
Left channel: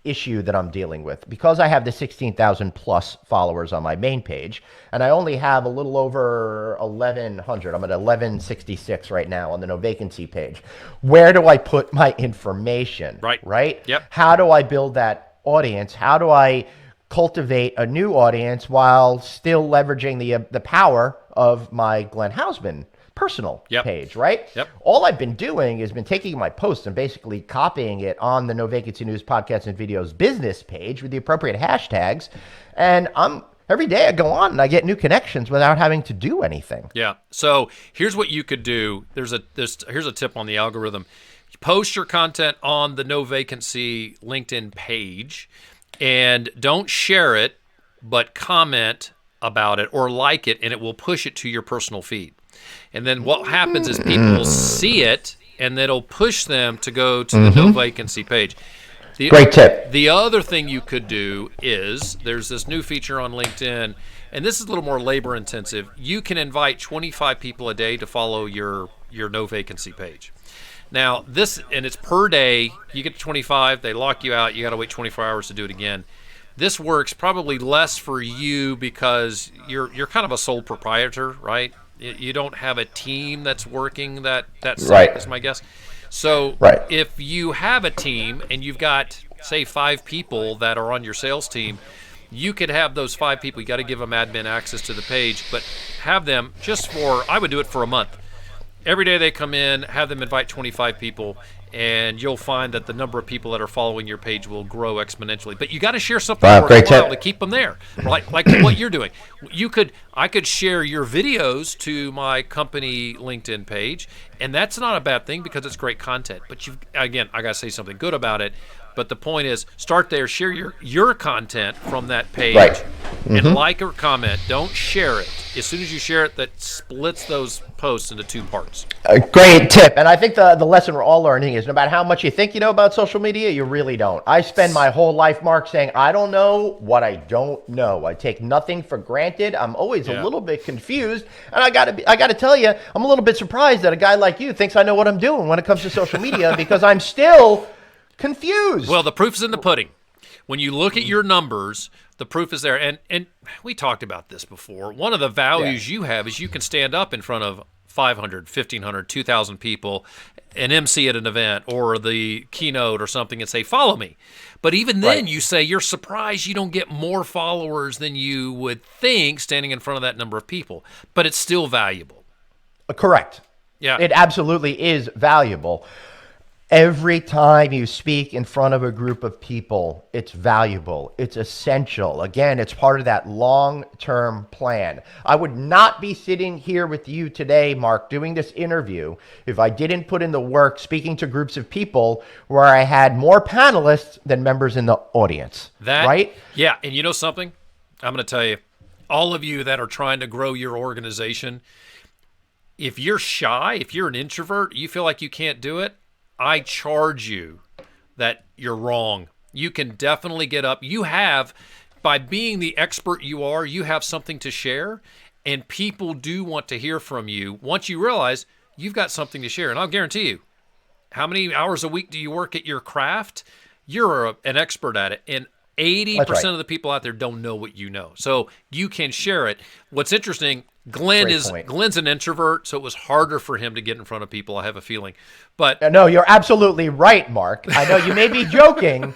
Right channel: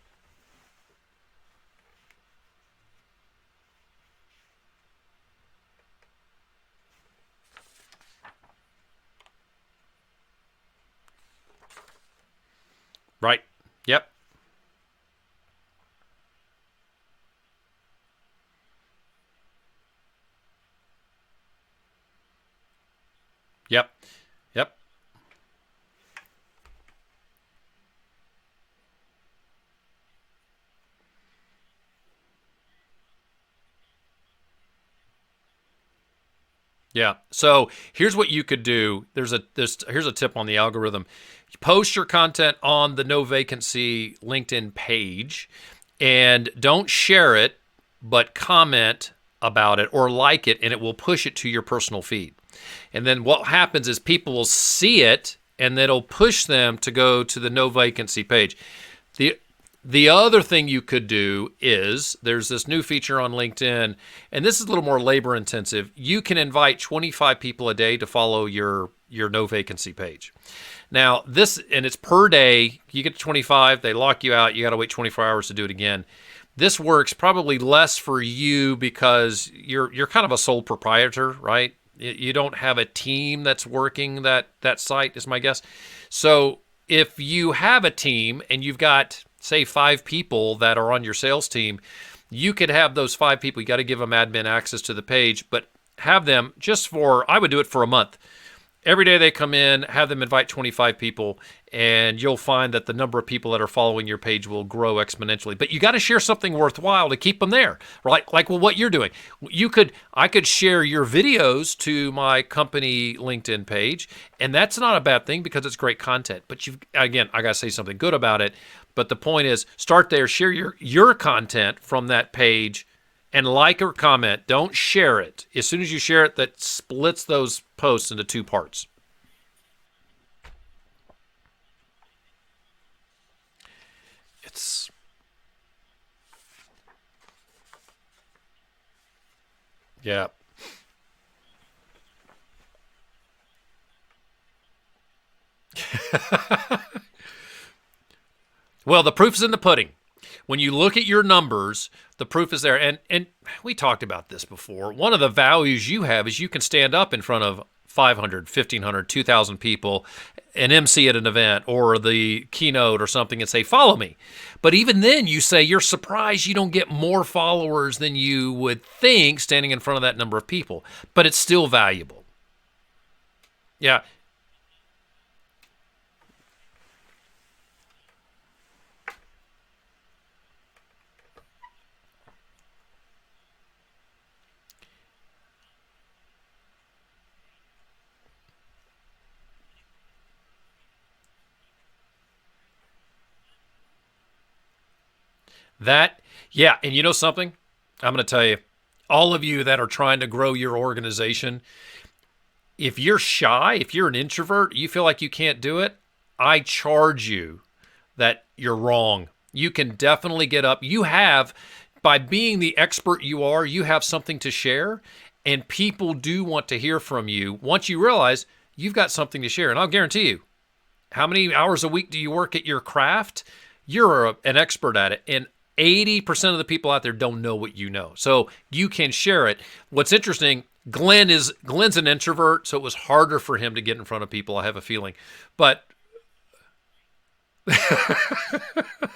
issue that I'm dealing with because I have the 16,000 plus followers on my main page, and I only have a little over 1,100. I'm at 1,166 right now on the No Vacancy page. Where do I put my information? Right? Yep. How do I build that audience? How do I cultivate a new audience while still leveraging the power of my Glenn Haussman personal page, right? Yep. All I've been doing is been taking my posts and basically copying it on the No Vacancy News podcast and videos business page with the appropriate hashtags. And every day I go on and I get new connections without having to do anything. Yeah. So here's what you could do. Here's a tip on the algorithm. Post your content on the No Vacancy LinkedIn page and don't share it, but comment about it or like it, and it will push it to your personal feed. And then what happens is people will see it, and it'll push them to go to the No Vacancy page. Great tip. The other thing you could do is there's this new feature on LinkedIn, and this is a little more labor intensive. You can invite 25 people a day to follow your No Vacancy page. Now and it's per day. You get to 25, they lock you out. You got to wait 24 hours to do it again. This works probably less for you because you're kind of a sole proprietor, right? You don't have a team that's working that site, is my guess. So if you have a team and you've got, say, 5 people that are on your sales team, you could have those 5 people. You got to give them admin access to the page, but have them I would do it for a month. Every day they come in, have them invite 25 people, and you'll find that the number of people that are following your page will grow exponentially. But you got to share something worthwhile to keep them there, right? Like what you're doing. I could share your videos to my company LinkedIn page, and that's not a bad thing because it's great content. But I got to say something good about it. But the point is, start there, share your content from that page, and like or comment. Don't share it. As soon as you share it, that splits those posts into 2 parts. A great tip. And I think the lesson we're all learning is no matter how much you think you know about social media, you really don't. I spend my whole life, Mark, saying I don't know what I don't know. I take nothing for granted. I'm always a little bit confused. And I gotta tell you, I'm a little bit surprised that a guy like you thinks I know what I'm doing when it comes to social media because I'm still confused. Well, the proof is in the pudding. When you look at your numbers, the proof is there. And we talked about this before. One of the values you have is you can stand up in front of 500, 1,500, 2,000 people and MC at an event or the keynote or something and say, follow me. But even then you say you're surprised you don't get more followers than you would think standing in front of that number of people. But it's still valuable. Correct. Yeah. It absolutely is valuable. Every time you speak in front of a group of people, it's valuable. It's essential. Again, it's part of that long-term plan. I would not be sitting here with you today, Mark, doing this interview if I didn't put in the work speaking to groups of people where I had more panelists than members in the audience. Right? Yeah, and you know something? I'm going to tell you, all of you that are trying to grow your organization, if you're shy, if you're an introvert, you feel like you can't do it, I charge you that you're wrong. You can definitely get up. You have, by being the expert you are, you have something to share, and people do want to hear from you once you realize you've got something to share. And I'll guarantee you, how many hours a week do you work at your craft? You're an expert at it, and 80% of the people out there don't know what you know. So you can share it. What's interesting, Glenn's an introvert, so it was harder for him to get in front of people, I have a feeling. But no, you're absolutely right, Mark. I know you may be joking,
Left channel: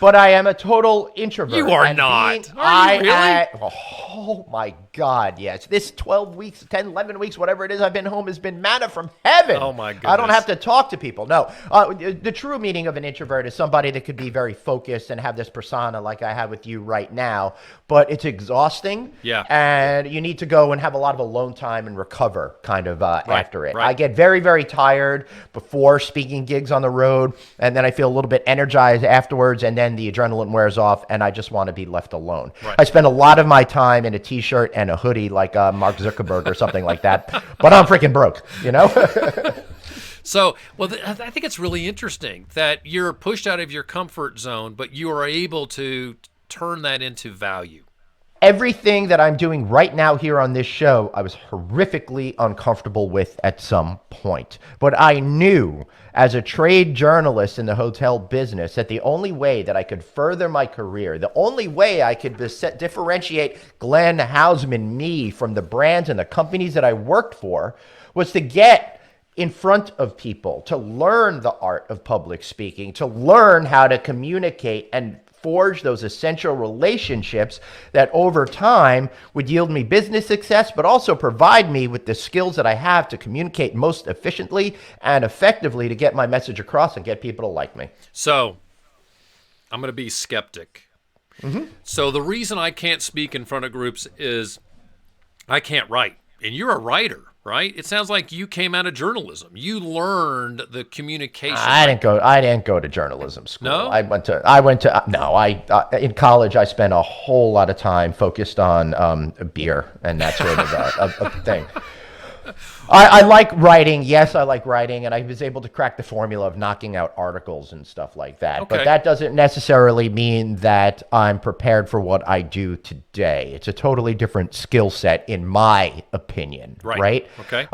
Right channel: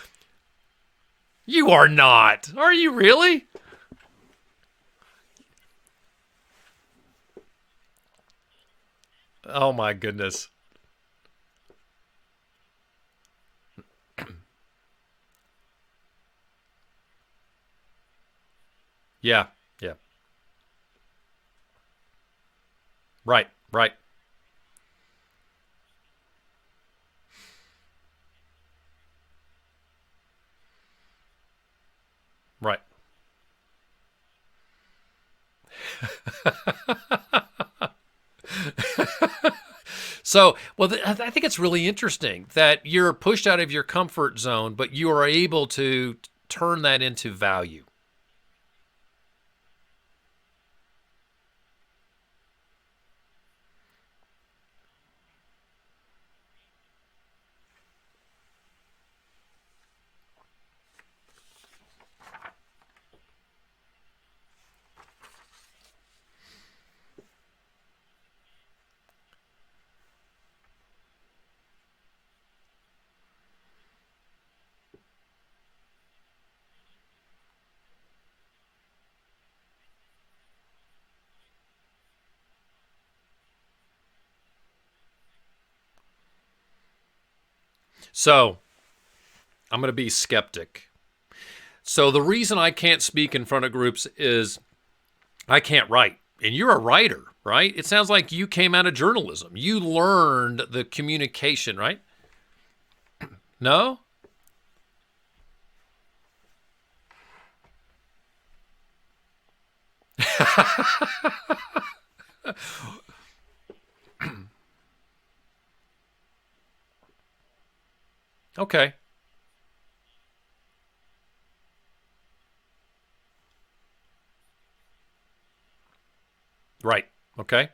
but I am a total introvert. You are not. Are you really? Oh my God, yes. This 12 weeks, 10, 11 weeks, whatever it is I've been home has been manna from heaven. Oh my goodness. I don't have to talk to people. No, the true meaning of an introvert is somebody that could be very focused and have this persona like I have with you right now, but it's exhausting. Yeah. And you need to go and have a lot of alone time and recover kind of after it. Right. I get very, very tired before speaking gigs on the road, and then I feel a little bit energized afterwards, and then the adrenaline wears off, and I just want to be left alone. Right. I spend a lot of my time in a t-shirt and a hoodie like Mark Zuckerberg or something like that, but I'm freaking broke, you know? So, I think it's really interesting that you're pushed out of your comfort zone, but you are able to turn that into value. Everything that I'm doing right now here on this show, I was horrifically uncomfortable with at some point. But I knew as a trade journalist in the hotel business that the only way that I could further my career, the only way I could differentiate Glenn Haussman, me, from the brands and the companies that I worked for was to get in front of people, to learn the art of public speaking, to learn how to communicate and forge those essential relationships that over time would yield me business success, but also provide me with the skills that I have to communicate most efficiently and effectively to get my message across and get people to like me. So I'm going to be skeptic. Mm-hmm. So the reason I can't speak in front of groups is I can't write. And you're a writer, right? It sounds like you came out of journalism. You learned the communication. I didn't go to journalism school. No? In college, I spent a whole lot of time focused on beer and that sort of a thing. I like writing. Yes, I like writing, and I was able to crack the formula of knocking out articles and stuff like that. Okay. But that doesn't necessarily mean that I'm prepared for what I do today. It's a totally different skill set, in my opinion. Right? Okay.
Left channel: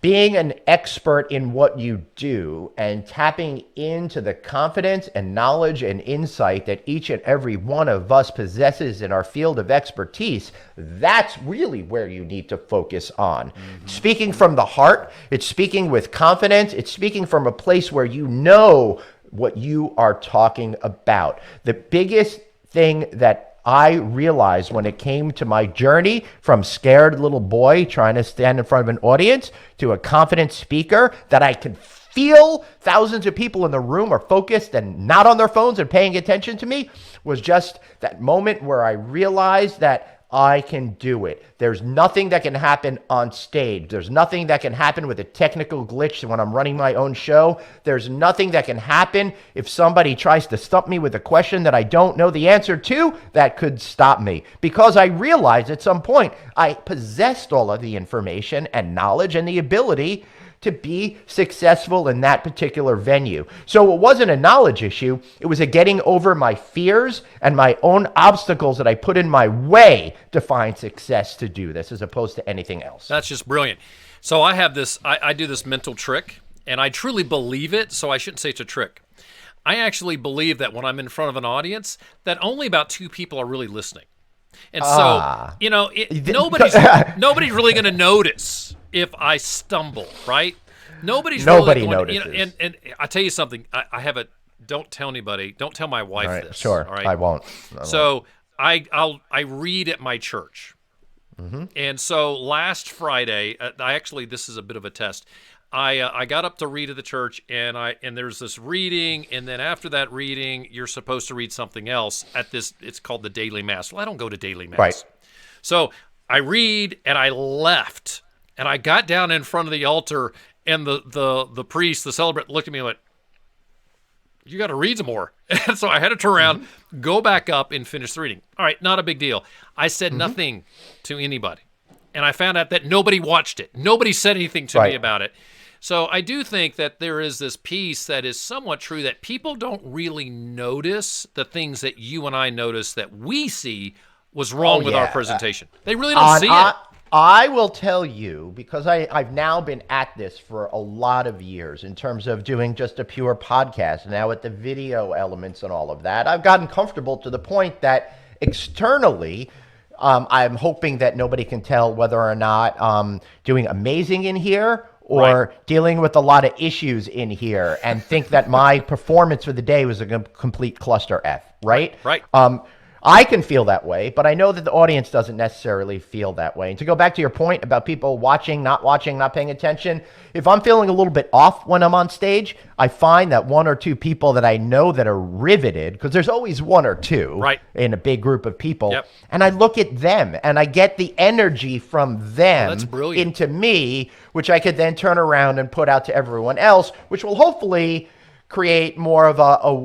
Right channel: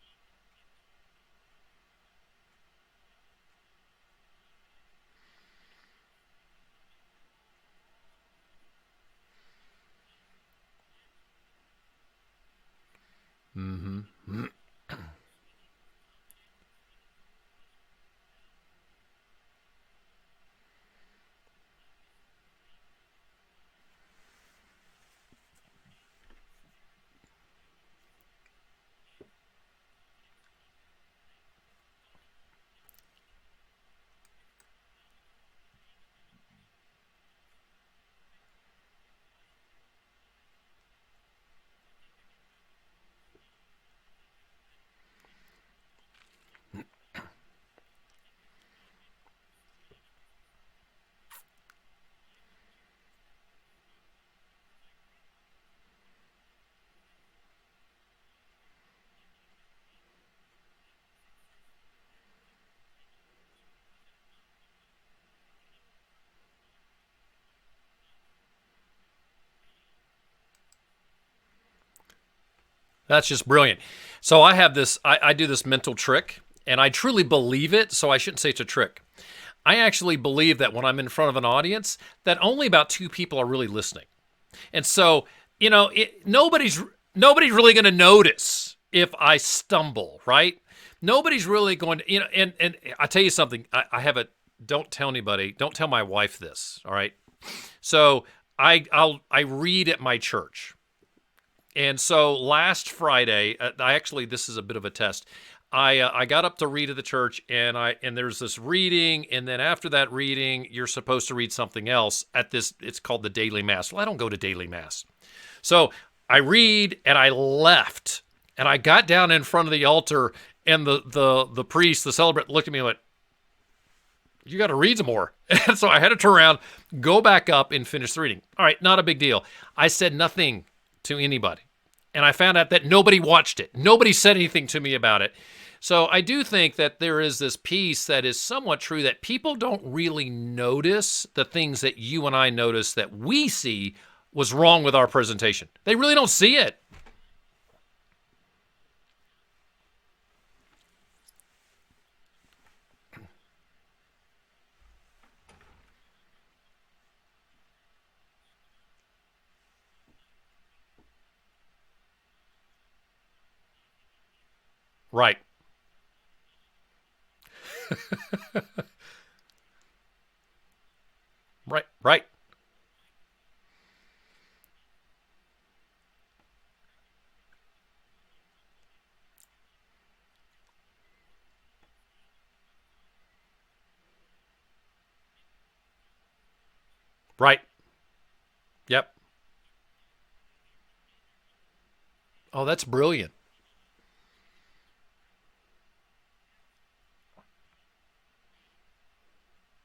Being an expert in what you do and tapping into the confidence and knowledge and insight that each and every one of us possesses in our field of expertise, that's really where you need to focus on. Speaking from the heart, it's speaking with confidence, it's speaking from a place where you know what you are talking about. The biggest thing that I realized when it came to my journey from scared little boy trying to stand in front of an audience to a confident speaker, that I could feel thousands of people in the room are focused and not on their phones and paying attention to me, was just that moment where I realized that I can do it. There's nothing that can happen on stage. There's nothing that can happen with a technical glitch when I'm running my own show. There's nothing that can happen if somebody tries to stump me with a question that I don't know the answer to that could stop me. Because I realized at some point I possessed all of the information and knowledge and the ability to be successful in that particular venue. So it wasn't a knowledge issue. It was a getting over my fears and my own obstacles that I put in my way to find success to do this, as opposed to anything else. That's just brilliant. So I have this, I do this mental trick, and I truly believe it, so I shouldn't say it's a trick. I actually believe that when I'm in front of an audience, that only about 2 people are really listening. And so, nobody's really going to notice if I stumble, right? Nobody's really going to, and I tell you something, I have a, don't tell anybody, don't tell my wife this. Sure, all right? I won't. So I read at my church. And so last Friday, this is a bit of a test. I got up to read at the church, and there's this reading, and then after that reading, you're supposed to read something else at this. It's called the daily mass. Well, I don't go to daily mass, right. So I read, and I left, and I got down in front of the altar, and the priest, the celebrant, looked at me and went, "You got to read some more." And so I had to turn around, go back up, and finish the reading. All right, not a big deal. I said nothing to anybody, and I found out that nobody watched it. Nobody said anything to me about it. So I do think that there is this piece that is somewhat true, that people don't really notice the things that you and I notice that we see was wrong with our presentation. They really don't see it. I will tell you, because I've now been at this for a lot of years in terms of doing just a pure podcast, now with the video elements and all of that, I've gotten comfortable to the point that externally, I'm hoping that nobody can tell whether or not I'm doing amazing in here or dealing with a lot of issues in here, and think that my performance for the day was a complete cluster F, right? Right. I can feel that way, but I know that the audience doesn't necessarily feel that way. And to go back to your point about people watching, not paying attention, if I'm feeling a little bit off when I'm on stage, I find that 1 or 2 people that I know that are riveted, because there's always 1 or 2 in a big group of people, and I look at them and I get the energy from them that's brilliant. into me, which I could then turn around and put out to everyone else, which will hopefully create more of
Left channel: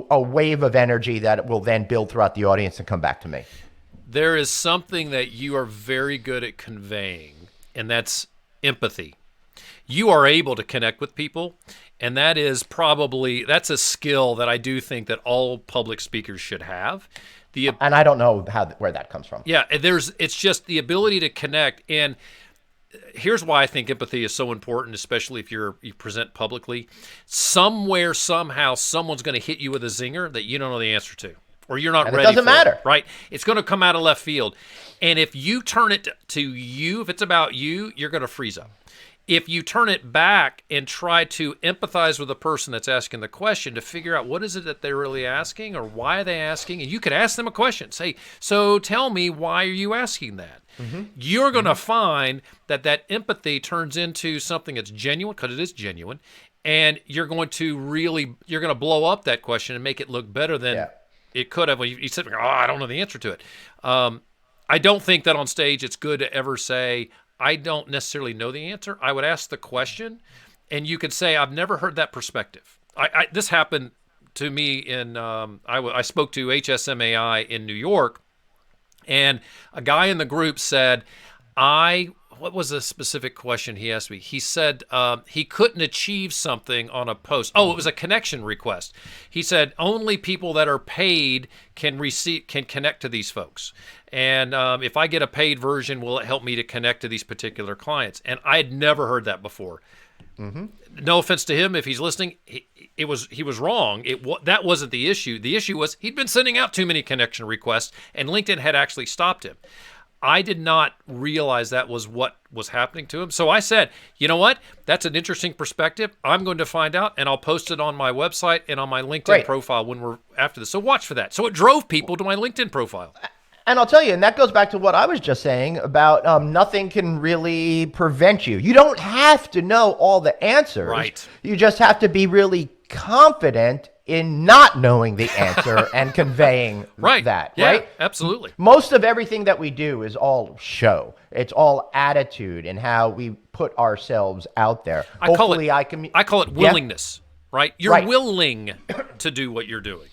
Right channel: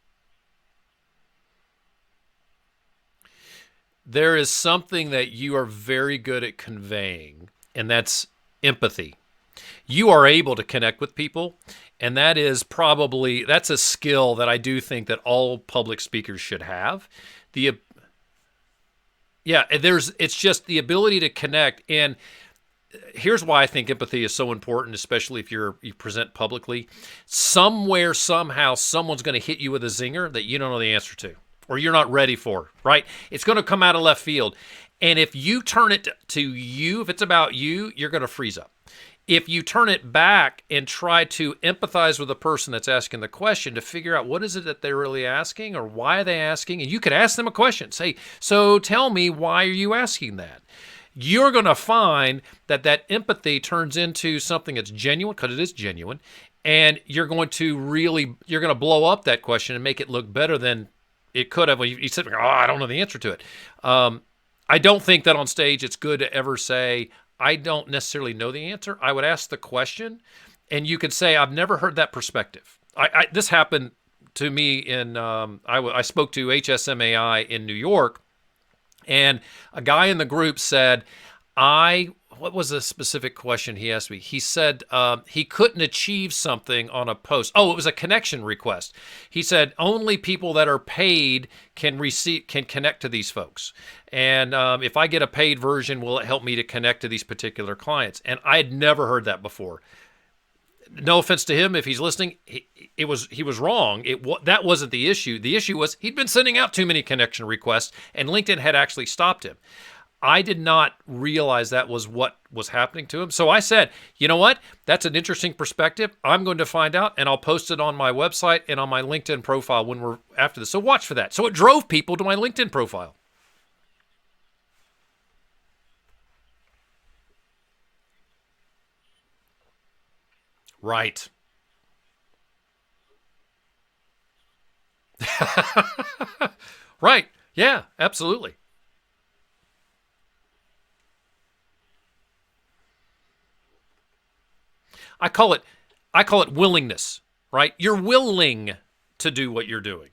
a wave of energy that will then build throughout the audience and come back to me. There is something that you are very good at conveying, and that's empathy. You are able to connect with people, and that's a skill that I do think that all public speakers should have. And I don't know where that comes from. Yeah, it's just the ability to connect. And here's why I think empathy is so important, especially if you present publicly. Somewhere, somehow, someone's going to hit you with a zinger that you don't know the answer to, or you're not ready for. It doesn't matter, right? It's going to come out of left field. And if you turn it to you, if it's about you, you're going to freeze up. If you turn it back and try to empathize with the person that's asking the question to figure out what is it that they're really asking, or why are they asking, and you could ask them a question. Say, so tell me, why are you asking that? You're going to find that empathy turns into something that's genuine, because it is genuine, and you're going to blow up that question and make it look better than it could have. You said, I don't know the answer to it. I don't think that on stage it's good to ever say, I don't necessarily know the answer. I would ask the question, and you could say, I've never heard that perspective. This happened to me I spoke to HSMAI in New York, and a guy in the group said, I what was the specific question he asked me? He said he couldn't achieve something on a post. Oh, it was a connection request. He said only people that are paid can connect to these folks. And if I get a paid version, will it help me to connect to these particular clients? And I had never heard that before. Mm-hmm. No offense to him if he's listening, he was wrong. That wasn't the issue. The issue was he'd been sending out too many connection requests, and LinkedIn had actually stopped him. I did not realize that was what was happening to him. So I said, you know what? That's an interesting perspective. I'm going to find out, and I'll post it on my website and on my LinkedIn profile when we're after this. So watch for that. So it drove people to my LinkedIn profile. And I'll tell you, and that goes back to what I was just saying about nothing can really prevent you. You don't have to know all the answers. Right. You just have to be really confident in not knowing the answer and conveying that. Yeah, right? Absolutely. Most of everything that we do is all show. It's all attitude and how we put ourselves out there. I call it willingness, right? You're willing to do what you're doing.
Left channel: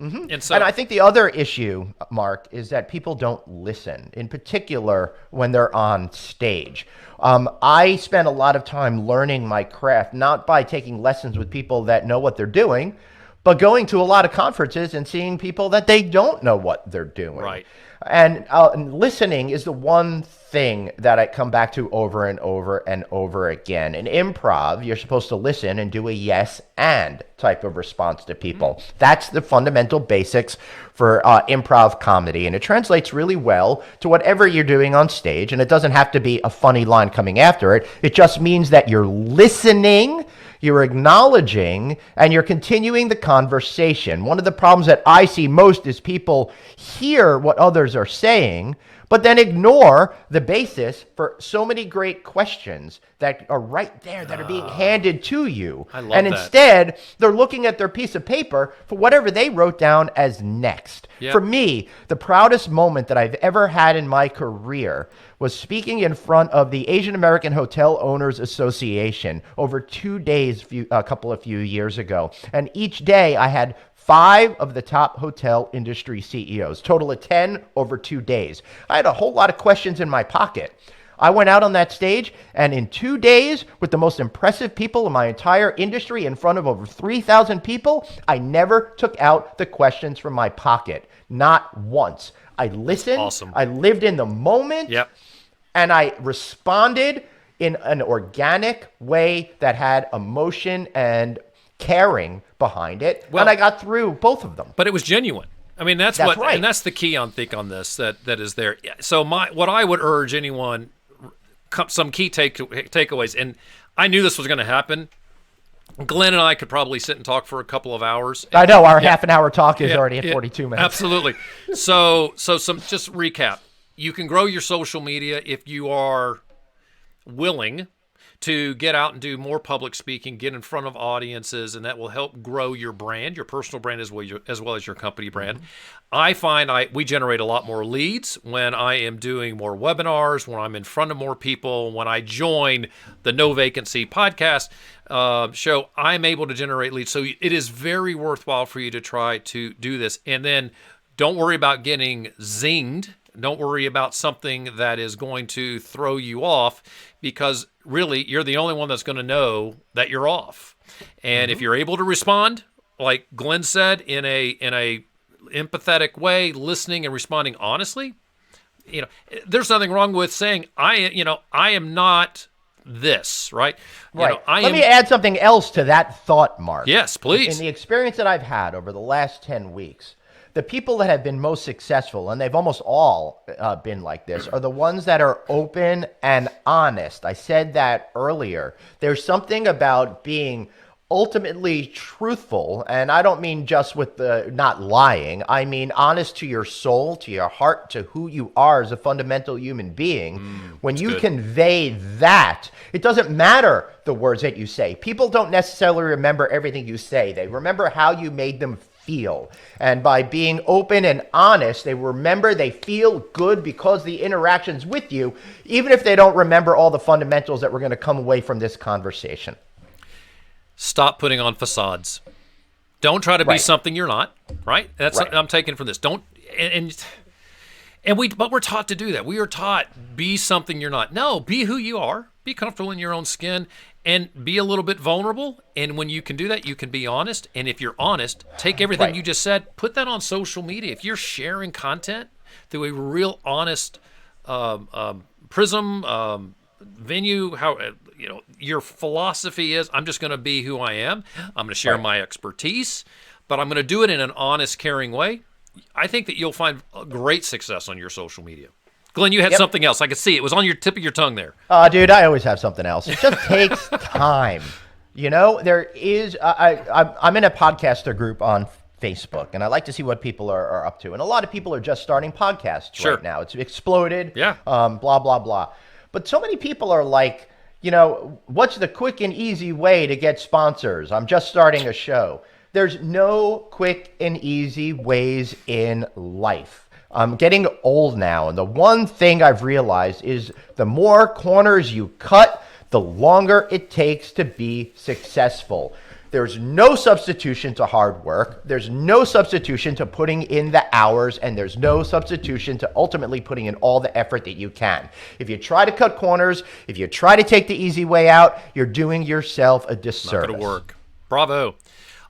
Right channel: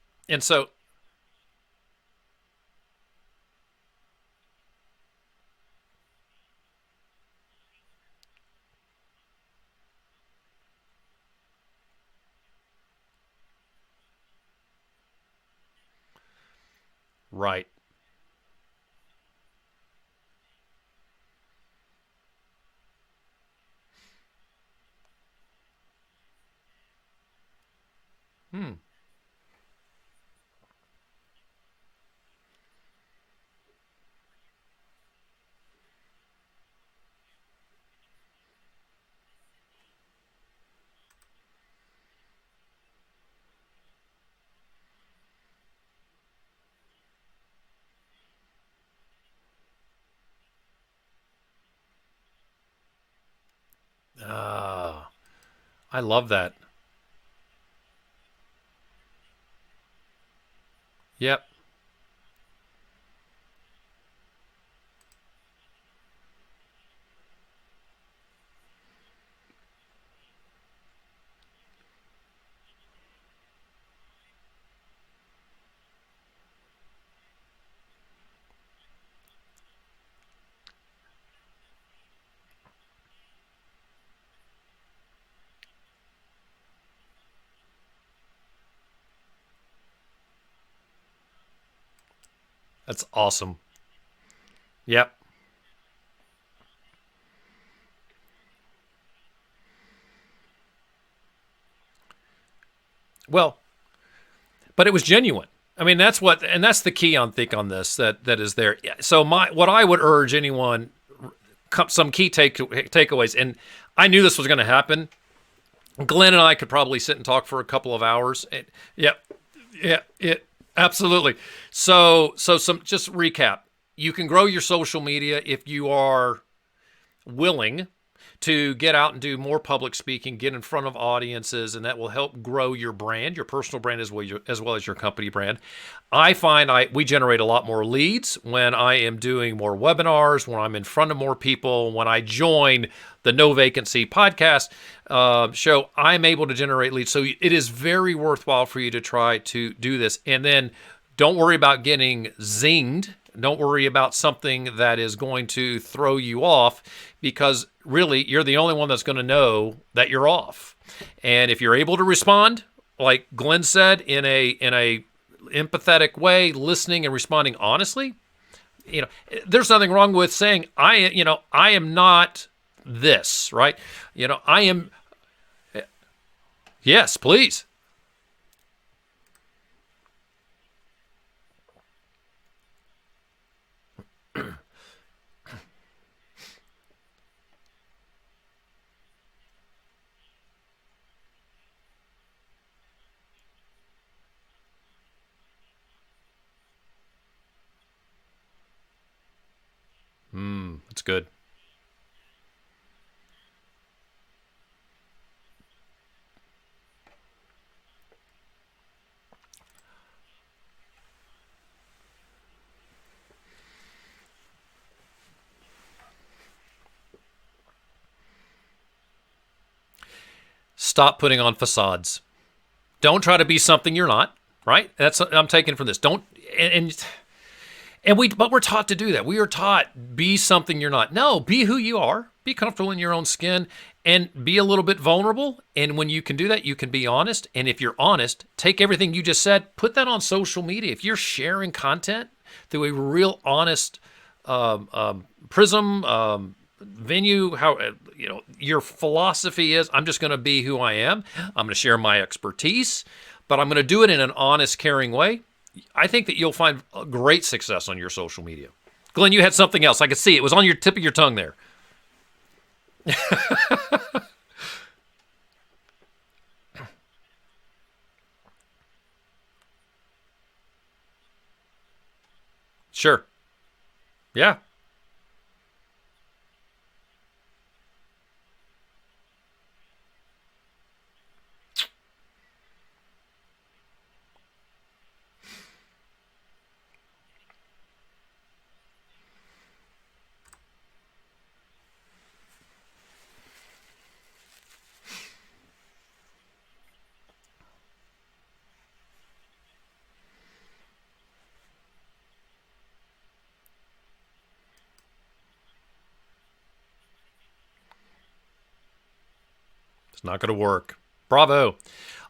Mm-hmm. And I think the other issue, Mark, is that people don't listen, in particular when they're on stage. I spend a lot of time learning my craft, not by taking lessons with people that know what they're doing, but going to a lot of conferences and seeing people that they don't know what they're doing. Right. And listening is the one thing that I come back to over and over and over again. In improv, you're supposed to listen and do a yes and type of response to people. That's the fundamental basics for improv comedy, and it translates really well to whatever you're doing on stage, and it doesn't have to be a funny line coming after it. It just means that you're listening, you're acknowledging, and you're continuing the conversation. One of the problems that I see most is people hear what others are saying, but then ignore the basis for so many great questions that are right there that are being handed to you. I love that. And instead, they're looking at their piece of paper for whatever they wrote down as next. Yep. For me, the proudest moment that I've ever had in my career was speaking in front of the Asian American Hotel Owners Association over 2 days a few years ago. And each day I had 5 of the top hotel industry CEOs, total of 10 over 2 days. I had a whole lot of questions in my pocket. I went out on that stage, and in 2 days, with the most impressive people in my entire industry in front of over 3,000 people, I never took out the questions from my pocket. Not once. I listened. That's awesome. I lived in the moment. Yep. And I responded in an organic way that had emotion and caring behind it. Well, and I got through both of them. But it was genuine. I mean, that's what, right. And that's the key on this that is there. So what I would urge anyone, some key takeaways, and I knew this was going to happen. Glenn and I could probably sit and talk for a couple of hours. I know our half an hour talk is already at 42 minutes. Absolutely. So some just recap. You can grow your social media if you are willing to get out and do more public speaking, get in front of audiences, and that will help grow your brand, your personal brand as well as your company brand. I find we generate a lot more leads when I am doing more webinars, when I'm in front of more people, when I join the No Vacancy podcast show, I'm able to generate leads. So it is very worthwhile for you to try to do this. And then don't worry about getting zinged. Don't worry about something that is going to throw you off, because really you're the only one that's going to know that you're off. And if you're able to respond, like Glenn said, in a empathetic way, listening and responding honestly, there's nothing wrong with saying I am not this, right? Let me add something else to that thought, Mark. Yes, please. In the experience that I've had over the last 10 weeks, the people that have been most successful, and they've almost all been like this, are the ones that are open and honest. I said that earlier. There's something about being ultimately truthful, and I don't mean just with the not lying. I mean honest to your soul, to your heart, to who you are as a fundamental human being. When you convey that, it doesn't matter the words that you say. People don't necessarily remember everything you say. They remember how you made them feel. And by being open and honest, they remember, they feel good because the interactions with you, even if they don't remember all the fundamentals that we're going to come away from this conversation. Stop putting on facades. Don't try to be something you're not, right? That's what I'm taking from this. Don't, and But we're taught to do that. We are taught, be something you're not. No, be who you are. Be comfortable in your own skin and be a little bit vulnerable. And when you can do that, you can be honest. And if you're honest, take everything you just said, put that on social media. If you're sharing content through a real honest prism, venue, how your philosophy is, I'm just going to be who I am. I'm going to share my expertise, but I'm going to do it in an honest, caring way. I think that you'll find great success on your social media. Glenn, you had something else. I could see it was on your tip of your tongue there. Dude, I always have something else. It just takes time. There is. I'm in a podcaster group on Facebook, and I like to see what people are up to. And a lot of people are just starting podcasts right now. It's exploded. Yeah. Blah blah blah. But so many people are like, what's the quick and easy way to get sponsors? I'm just starting a show. There's no quick and easy ways in life. I'm getting old now, and the one thing I've realized is the more corners you cut, the longer it takes to be successful. There's no substitution to hard work. There's no substitution to putting in the hours, and there's no substitution to ultimately putting in all the effort that you can. If you try to cut corners, if you try to take the easy way out, you're doing yourself a disservice. Not going to work. Bravo.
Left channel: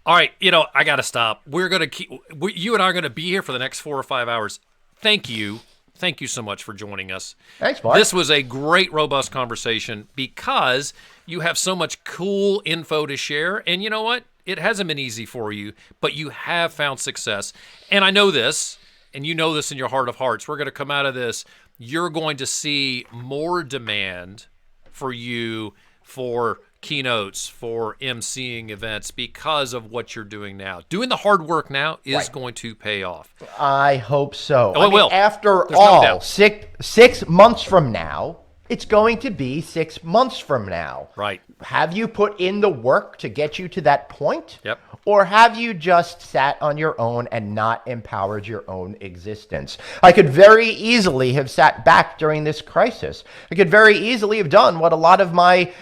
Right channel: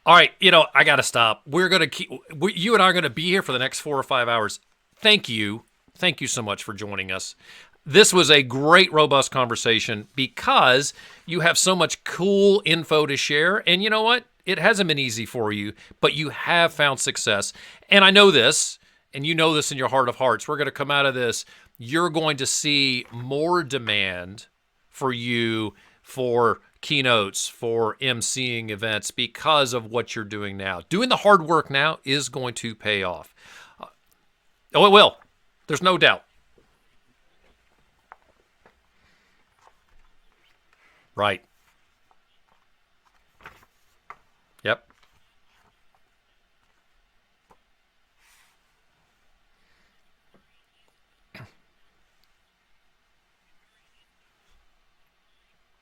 All right, I got to stop. We're going to you and I are going to be here for the next 4 or 5 hours. Thank you. Thank you so much for joining us. Thanks, Mark. This was a great, robust conversation because you have so much cool info to share. And you know what? It hasn't been easy for you, but you have found success. And I know this, and you know this in your heart of hearts. We're going to come out of this. You're going to see more demand for you for keynotes, for emceeing events because of what you're doing now. Doing the hard work now is going to pay off. I hope so. Oh, it will. After There's all, no doubt. 6 months from now, it's going to be 6 months from now. Right. Have you put in the work to get you to that point? Yep. Or have you just sat on your own and not empowered your own existence? I could very easily have sat back during this crisis. I could very easily have done what a lot of my,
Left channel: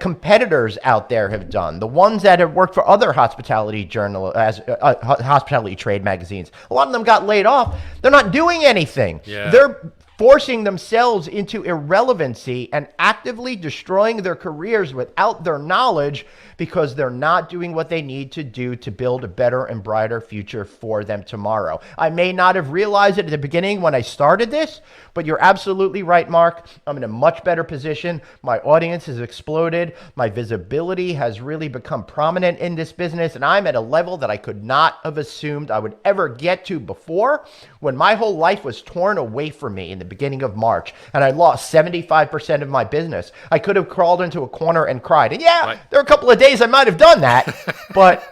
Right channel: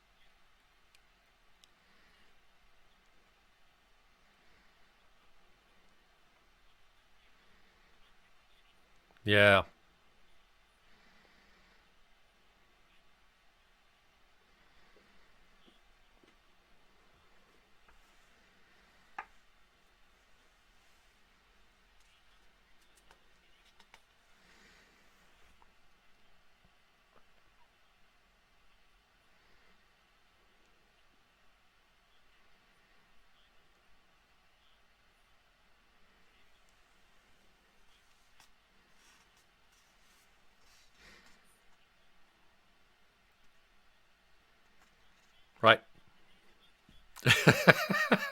competitors out there have done. The ones that have worked for other hospitality hospitality trade magazines. A lot of them got laid off. They're not doing anything. Yeah. They're forcing themselves into irrelevancy and actively destroying their careers without their knowledge because they're not doing what they need to do to build a better and brighter future for them tomorrow. I may not have realized it at the beginning when I started this, but you're absolutely right, Mark. I'm in a much better position. My audience has exploded. My visibility has really become prominent in this business, and I'm at a level that I could not have assumed I would ever get to before when my whole life was torn away from me in the beginning of March, and I lost 75% of my business. I could have crawled into a corner and cried. And there are a couple of days I might have done that, but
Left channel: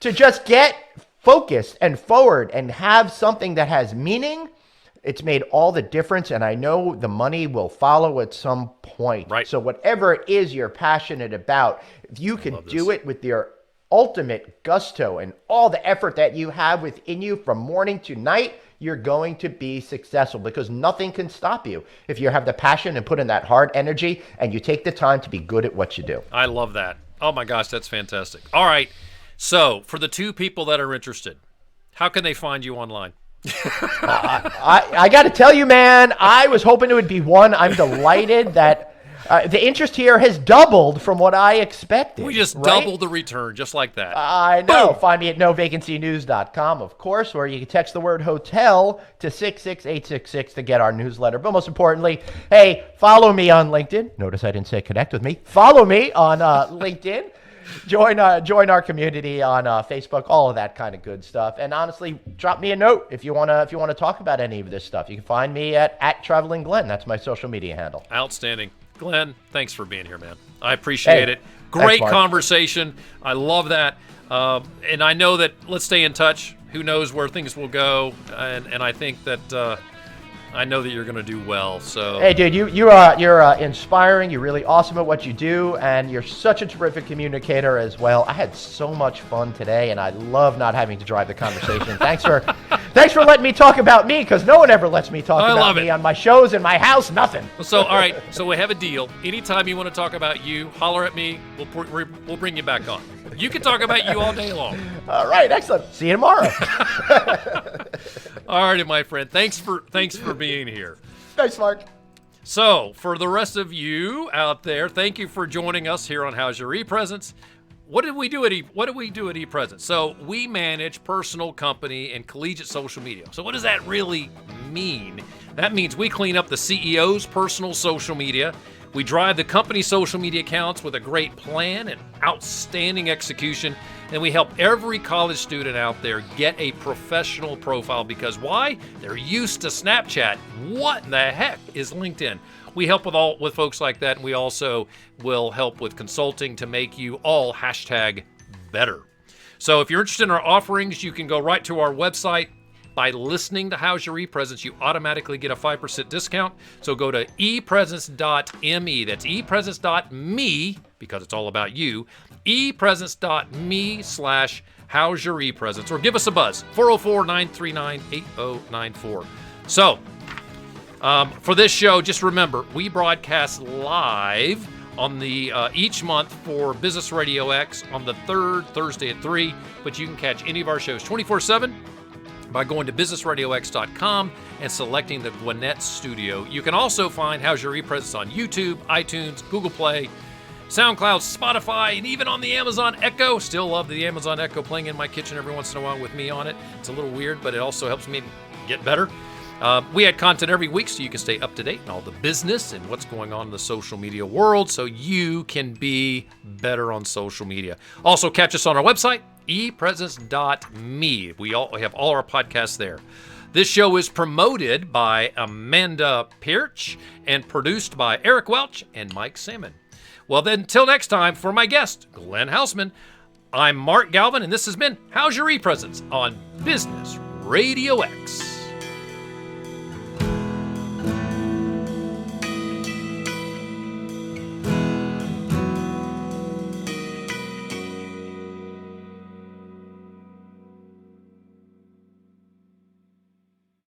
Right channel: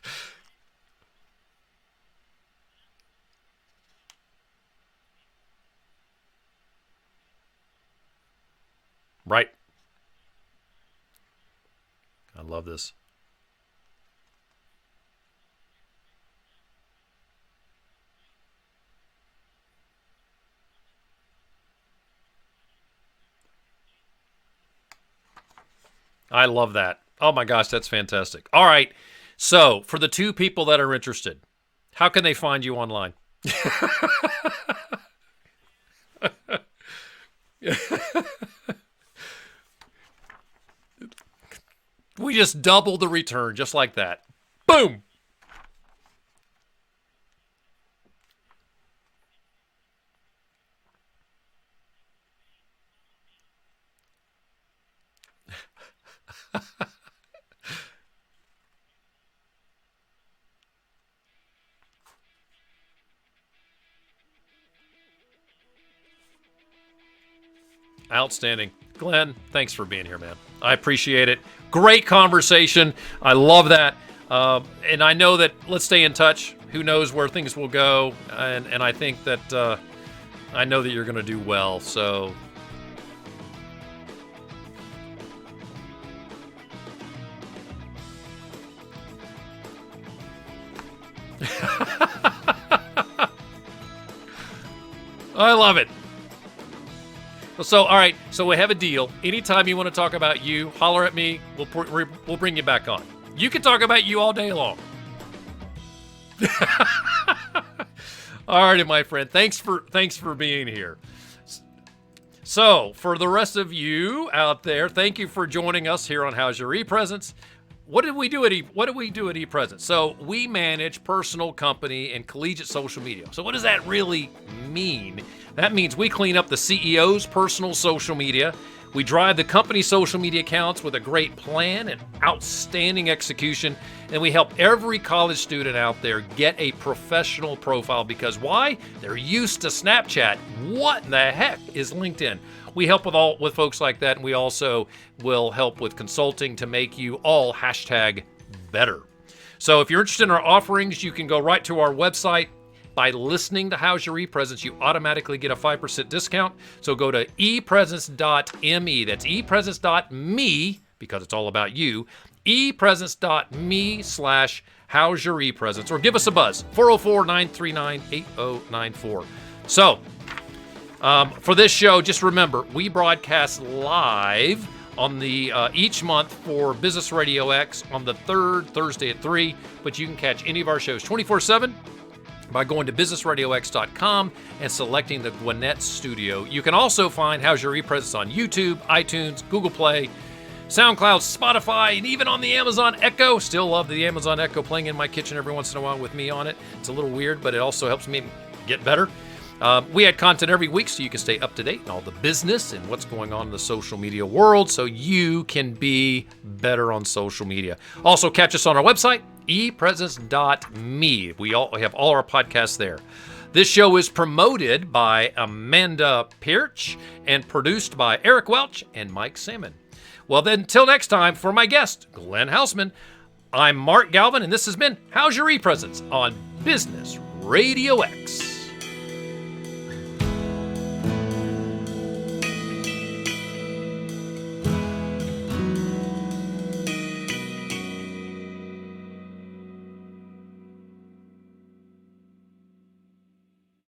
to just get focused and forward and have something that has meaning, it's made all the difference, and I know the money will follow at some point. Right. So whatever it is you're passionate about, if you can do it with your ultimate gusto and all the effort that you have within you from morning to night, you're going to be successful because nothing can stop you if you have the passion and put in that hard energy and you take the time to be good at what you do. I love that. Oh my gosh, that's fantastic. All right. So for the 2 people that are interested, how can they find you online? I got to tell you, man, I was hoping it would be 1. I'm delighted that the interest here has doubled from what I expected. We just doubled the return, just like that. I know. Boom. Find me at novacancynews.com, of course, where you can text the word hotel to 66866 to get our newsletter. But most importantly, hey, follow me on LinkedIn. Notice I didn't say connect with me. Follow me on LinkedIn. Join our community on Facebook, all of that kind of good stuff. And honestly, drop me a note if you wanna talk about any of this stuff. You can find me at Traveling Glenn. That's my social media handle. Outstanding. Glenn, thanks for being here, man. I appreciate it. Great conversation. I love that. And I know that let's stay in touch. Who knows where things will go. And I think that I know that you're going to do well. So hey, dude, you're inspiring. You're really awesome at what you do, and you're such a terrific communicator as well. I had so much fun today, and I love not having to drive the conversation. Thanks for letting me talk about me, because no one ever lets me talk about me on my shows in my house. Nothing. So all right, so we have a deal. Anytime you want to talk about you, holler at me. We'll bring you back on. You can talk about you all day long. All right, excellent. See you tomorrow. All righty, my friend. Thanks for being here. Thanks, Mark. So, for the rest of you out there, thank you for joining us here on How's Your ePresence. What do we do at ePresence? So, we manage personal, company, and collegiate social media. So, what does that really mean? That means we clean up the CEO's personal social media. We drive the company's social media accounts with a great plan and outstanding execution. And we help every college student out there get a professional profile because why? They're used to Snapchat. What in the heck is LinkedIn? We help with folks like that, and we also will help with consulting to make you all #better. So if you're interested in our offerings, you can go right to our website. By listening to How's Your ePresence, you automatically get a 5% discount. So go to epresence.me. That's epresence.me, because it's all about you. epresence.me/How's Your ePresence. Or give us a buzz, 404-939-8094. So, for this show, just remember, we broadcast live on the each month for Business RadioX on the third Thursday at 3, but you can catch any of our shows 24/7 by going to businessradiox.com and selecting the Gwinnett Studio. You can also find How's Your ePresence on YouTube, iTunes, Google Play, SoundCloud, Spotify, and even on the Amazon Echo. Still love the Amazon Echo playing in my kitchen every once in a while with me on it. It's a little weird, but it also helps me get better. We add content every week so you can stay up to date in all the business and what's going on in the social media world so you can be better on social media. Also, catch us on our website, epresence.me. We have all our podcasts there. This show is promoted by Amanda Pirch and produced by Eric Welch and Mike Salmon. Well, then, until next time, for my guest, Glenn Haussman, I'm Mark Galvin, and this has been How's Your ePresence on Business Radio X.